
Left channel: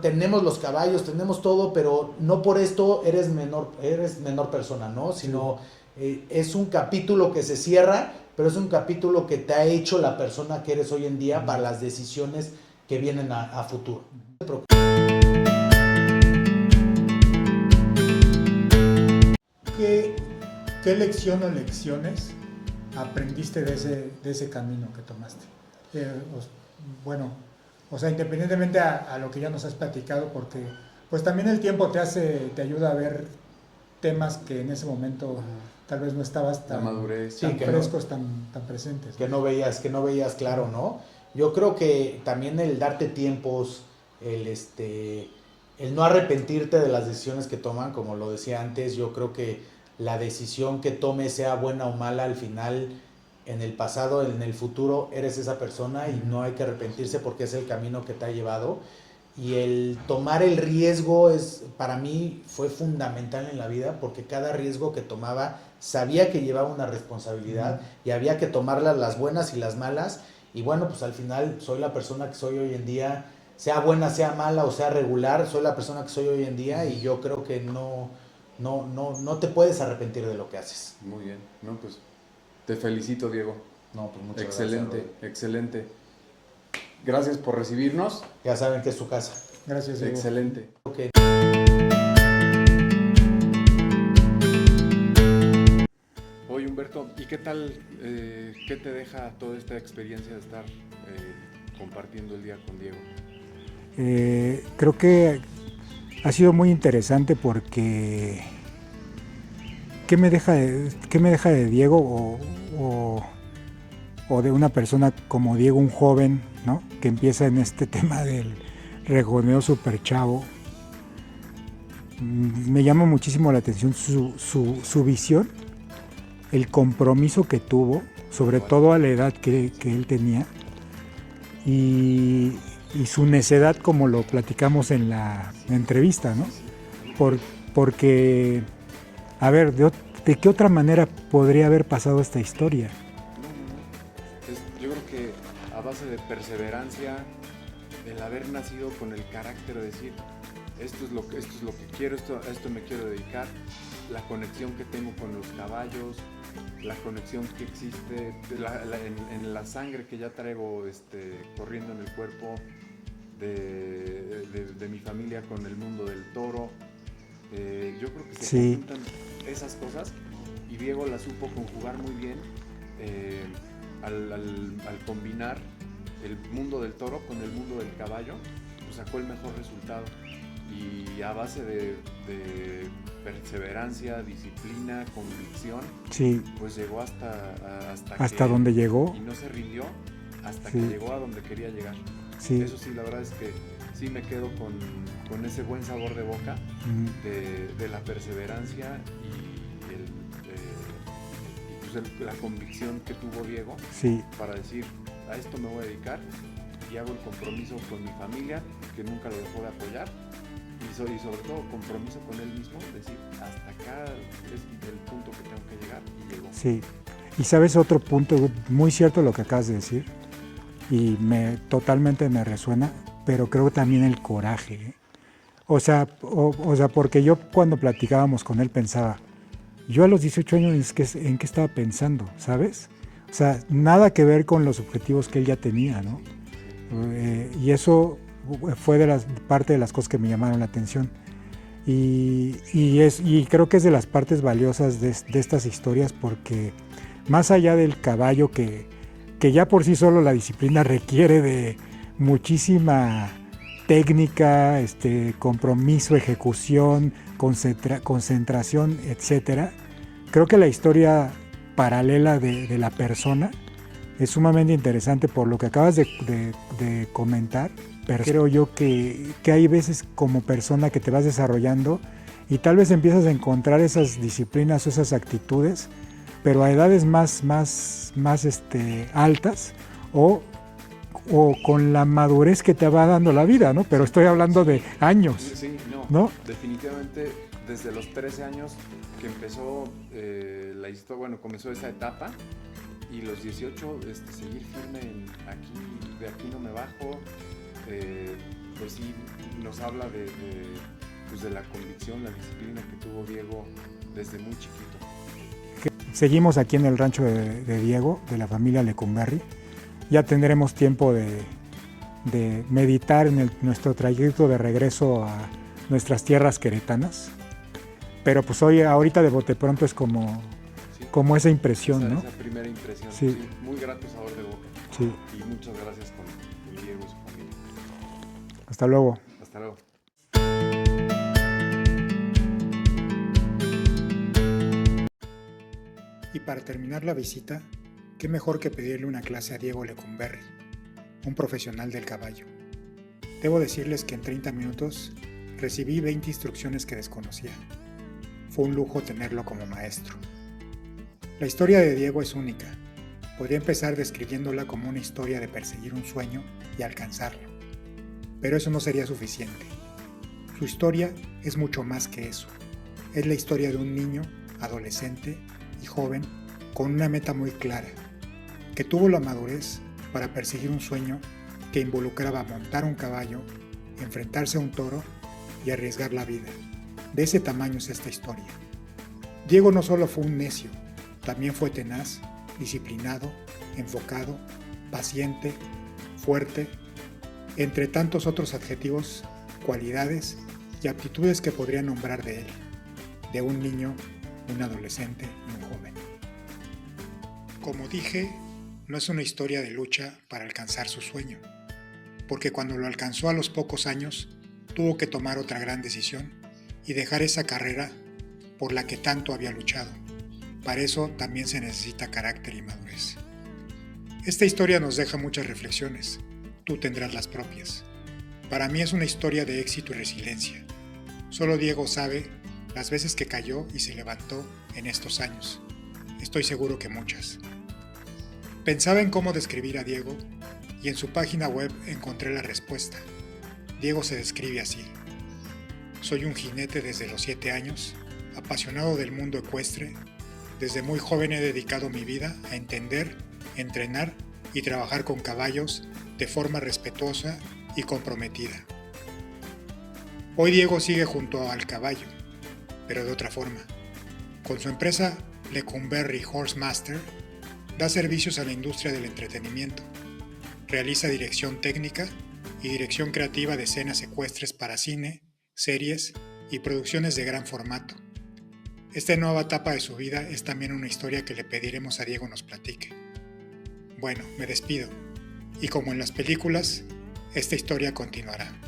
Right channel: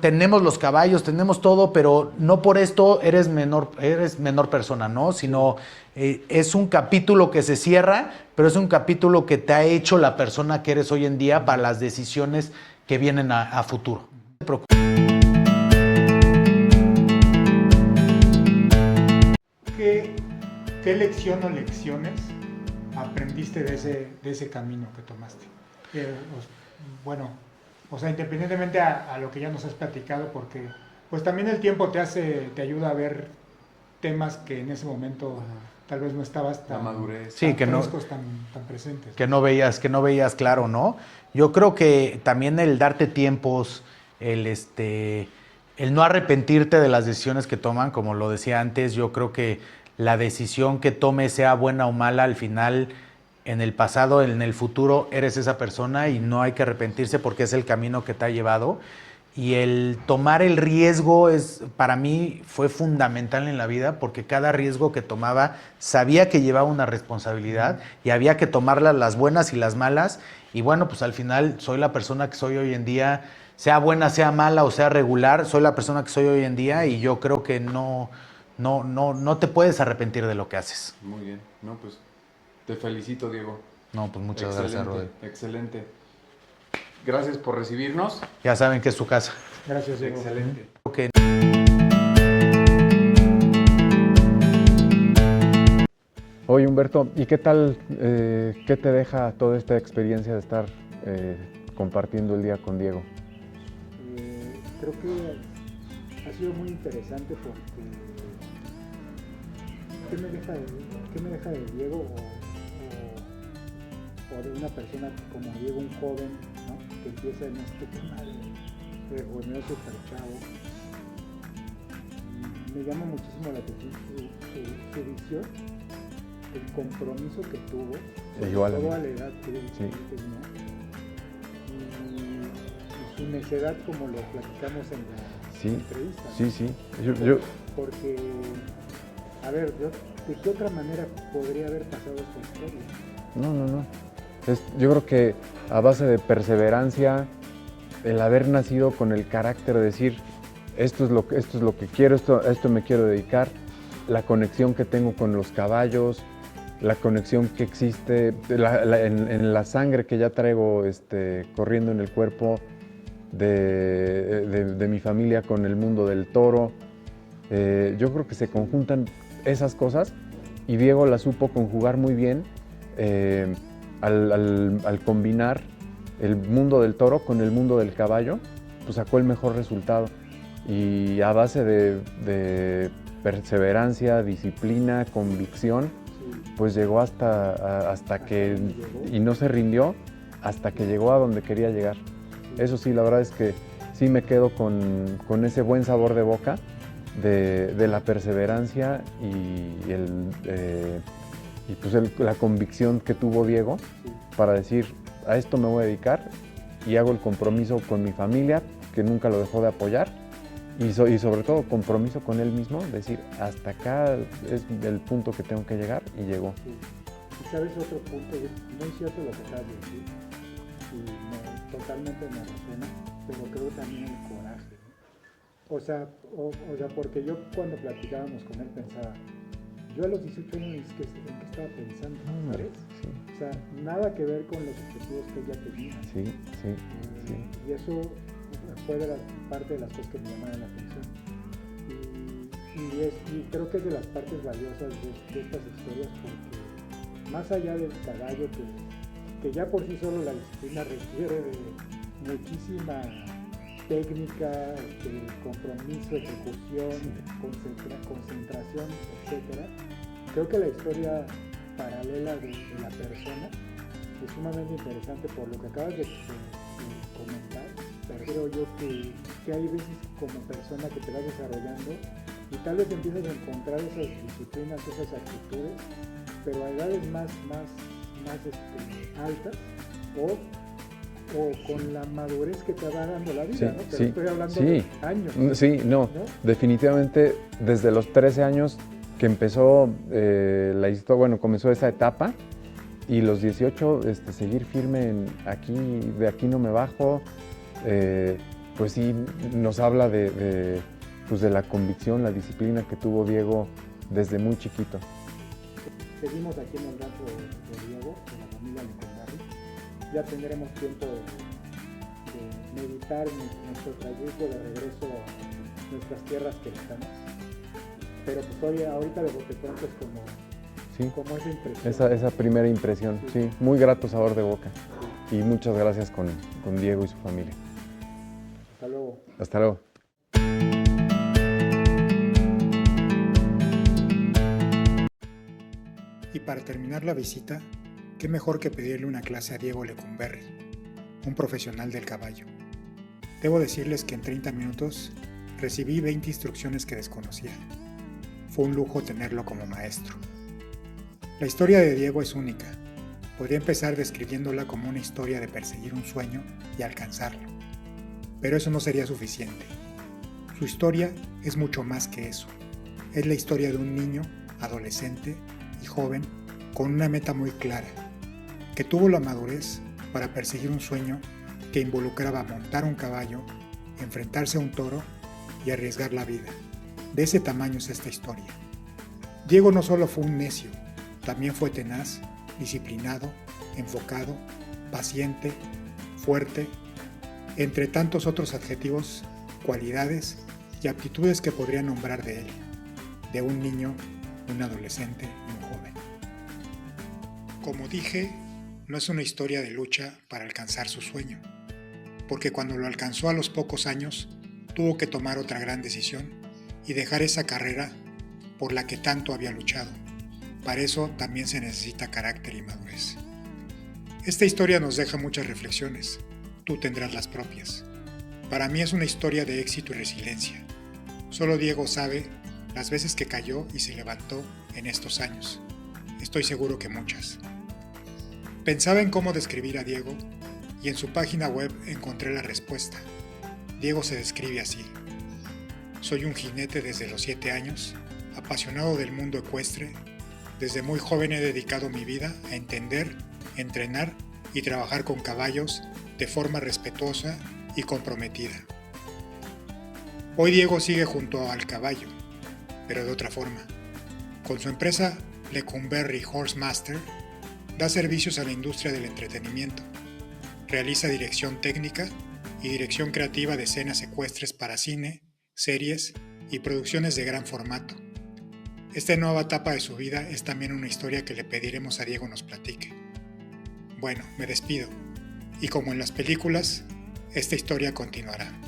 tenemos los caballos, tenemos todo, pero no por esto eres menor persona, ¿no? Sino es un capítulo que se cierra, pero es un capítulo que te ha hecho la persona que eres hoy en día para las decisiones que vienen a futuro. No te preocupes. ¿Qué lección o lecciones aprendiste de ese camino que tomaste? Bueno, o sea, independientemente a lo que ya nos has platicado, porque pues también el tiempo te ayuda a ver temas que en ese momento tal vez no estabas La tan, madurez. Sí, tan que no. frescos, tan presentes. Que no veías claro, ¿no? Yo creo que también el darte tiempos, el no arrepentirte de las decisiones que toman, como lo decía antes, yo creo que la decisión que tomes, sea buena o mala, al final, en el pasado, en el futuro, eres esa persona y no hay que arrepentirse porque es el camino que te ha llevado. Y el tomar el riesgo para mí fue fundamental en la vida porque cada riesgo que tomaba sabía que llevaba una responsabilidad y había que tomarlas, las buenas y las malas. Y bueno, pues al final soy la persona que soy hoy en día, sea buena, sea mala o sea regular, soy la persona que soy hoy en día y yo creo que no te puedes arrepentir de lo que haces. Muy bien. No, pues te felicito, Diego. No, pues muchas Excelente, gracias, Rodri. excelente. Gracias por recibirnos. Ya saben que es su casa. Gracias, Diego. Excelente. Okay. Oye, Humberto, ¿y qué tal, qué te deja toda esta experiencia de estar compartiendo el día con Diego? Creo que ha sido muy interesante porque ¿qué me deja de Diego? o de una persona como Diego, un joven, ¿no? Que empieza en este tema del rejoneo super chavo. Me llama muchísimo la atención su visión, el compromiso que tuvo, sobre Igual. todo a la edad que él tenía, y su necedad, como lo platicamos en la Sí. entrevista, ¿no? Sí, sí. Porque, a ver, ¿de qué otra manera podría haber pasado esta historia? No. Yo creo que a base de perseverancia, el haber nacido con el carácter de decir, esto es lo que quiero, a esto me quiero dedicar, la conexión que tengo con los caballos, la conexión que existe en la sangre que ya traigo corriendo en el cuerpo de mi familia con el mundo del toro. Yo creo que se Sí. conjuntan esas cosas y Diego la supo conjugar muy bien al combinar el mundo del toro con el mundo del caballo, pues sacó el mejor resultado. Y a base de perseverancia, disciplina, convicción, Sí, pues llegó hasta donde llegó. Y no se rindió hasta Sí. que llegó a donde quería llegar. sí. Eso sí, la verdad es que sí me quedo con ese buen sabor de boca de la perseverancia y la convicción que tuvo Diego Sí, para decir, a esto me voy a dedicar y hago el compromiso con mi familia, que nunca lo dejó de apoyar, y sobre todo compromiso con él mismo, decir, hasta acá es el punto que tengo que llegar, y llegó. sí. Y sabes, otro punto muy cierto lo que acabas de decir, y totalmente me resuena, pero creo también el coraje, ¿eh? O sea, porque yo cuando platicábamos con él pensaba, yo a los 18 años en qué estaba pensando, ¿sabes? O sea, nada que ver con los objetivos que él ya tenía, ¿no? Sí. Y eso fue parte de las cosas que me llamaron la atención. Y creo que es de las partes valiosas de estas historias, porque más allá del caballo, que ya por sí solo la disciplina requiere de muchísima técnica, compromiso, ejecución, concentración, etcétera. Creo que la historia paralela de la persona es sumamente interesante por lo que acabas de comentar, pero creo yo que hay veces como persona que te vas desarrollando y tal vez empiezas a encontrar esas disciplinas o esas actitudes, pero a edades más altas o con la madurez que te va dando la vida, ¿no? Pero Sí, estoy hablando sí. de años. Sí, no, definitivamente desde los 13 años que empezó la historia, bueno, comenzó esa etapa, y los 18 seguir firme de aquí no me bajo, pues sí nos habla de la convicción, la disciplina que tuvo Diego desde muy chiquito. Seguimos aquí en el rancho de Diego, de la familia Lecumberri. Ya tendremos tiempo de meditar en nuestro trayecto de regreso a nuestras tierras queretanas. Pero pues ahorita de bote pronto es como esa impresión, ¿no? Esa primera impresión, Sí. sí, muy grato sabor de boca. Sí. Y muchas gracias con Diego y su familia. Hasta luego. Hasta luego. Y para terminar la visita, qué mejor que pedirle una clase a Diego Lecumberri, un profesional del caballo. Debo decirles que en 30 minutos recibí 20 instrucciones que desconocía. Fue un lujo tenerlo como maestro. La historia de Diego es única. Podría empezar describiéndola como una historia de perseguir un sueño y alcanzarlo. Pero eso no sería suficiente. Su historia es mucho más que eso. Es la historia de un niño, adolescente y joven con una meta muy clara, que tuvo la madurez para perseguir un sueño que involucraba montar un caballo, enfrentarse a un toro y arriesgar la vida. De ese tamaño es esta historia. Diego no solo fue un necio, también fue tenaz, disciplinado, enfocado, paciente, fuerte, entre tantos otros adjetivos, cualidades y aptitudes que podría nombrar de él, de un niño, un adolescente y un joven. Como dije, no es una historia de lucha para alcanzar su sueño, porque cuando lo alcanzó a los pocos años, tuvo que tomar otra gran decisión y dejar esa carrera por la que tanto había luchado. Para eso también se necesita carácter y madurez. Esta historia nos deja muchas reflexiones. Tú tendrás las propias. Para mí es una historia de éxito y resiliencia. Solo Diego sabe las veces que cayó y se levantó en estos años. Estoy seguro que muchas. Pensaba en cómo describir a Diego y en su página web encontré la respuesta. Diego se describe así. Soy un jinete desde los 7 años, apasionado del mundo ecuestre. Desde muy joven he dedicado mi vida a entender, entrenar y trabajar con caballos de forma respetuosa y comprometida. Hoy Diego sigue junto al caballo, pero de otra forma. Con su empresa Lecumberri Horse Master, da servicios a la industria del entretenimiento. Realiza dirección técnica y dirección creativa de escenas ecuestres para cine, series y producciones de gran formato. Esta nueva etapa de su vida es también una historia que le pediremos a Diego nos platique. Bueno, me despido, y como en las películas, esta historia continuará.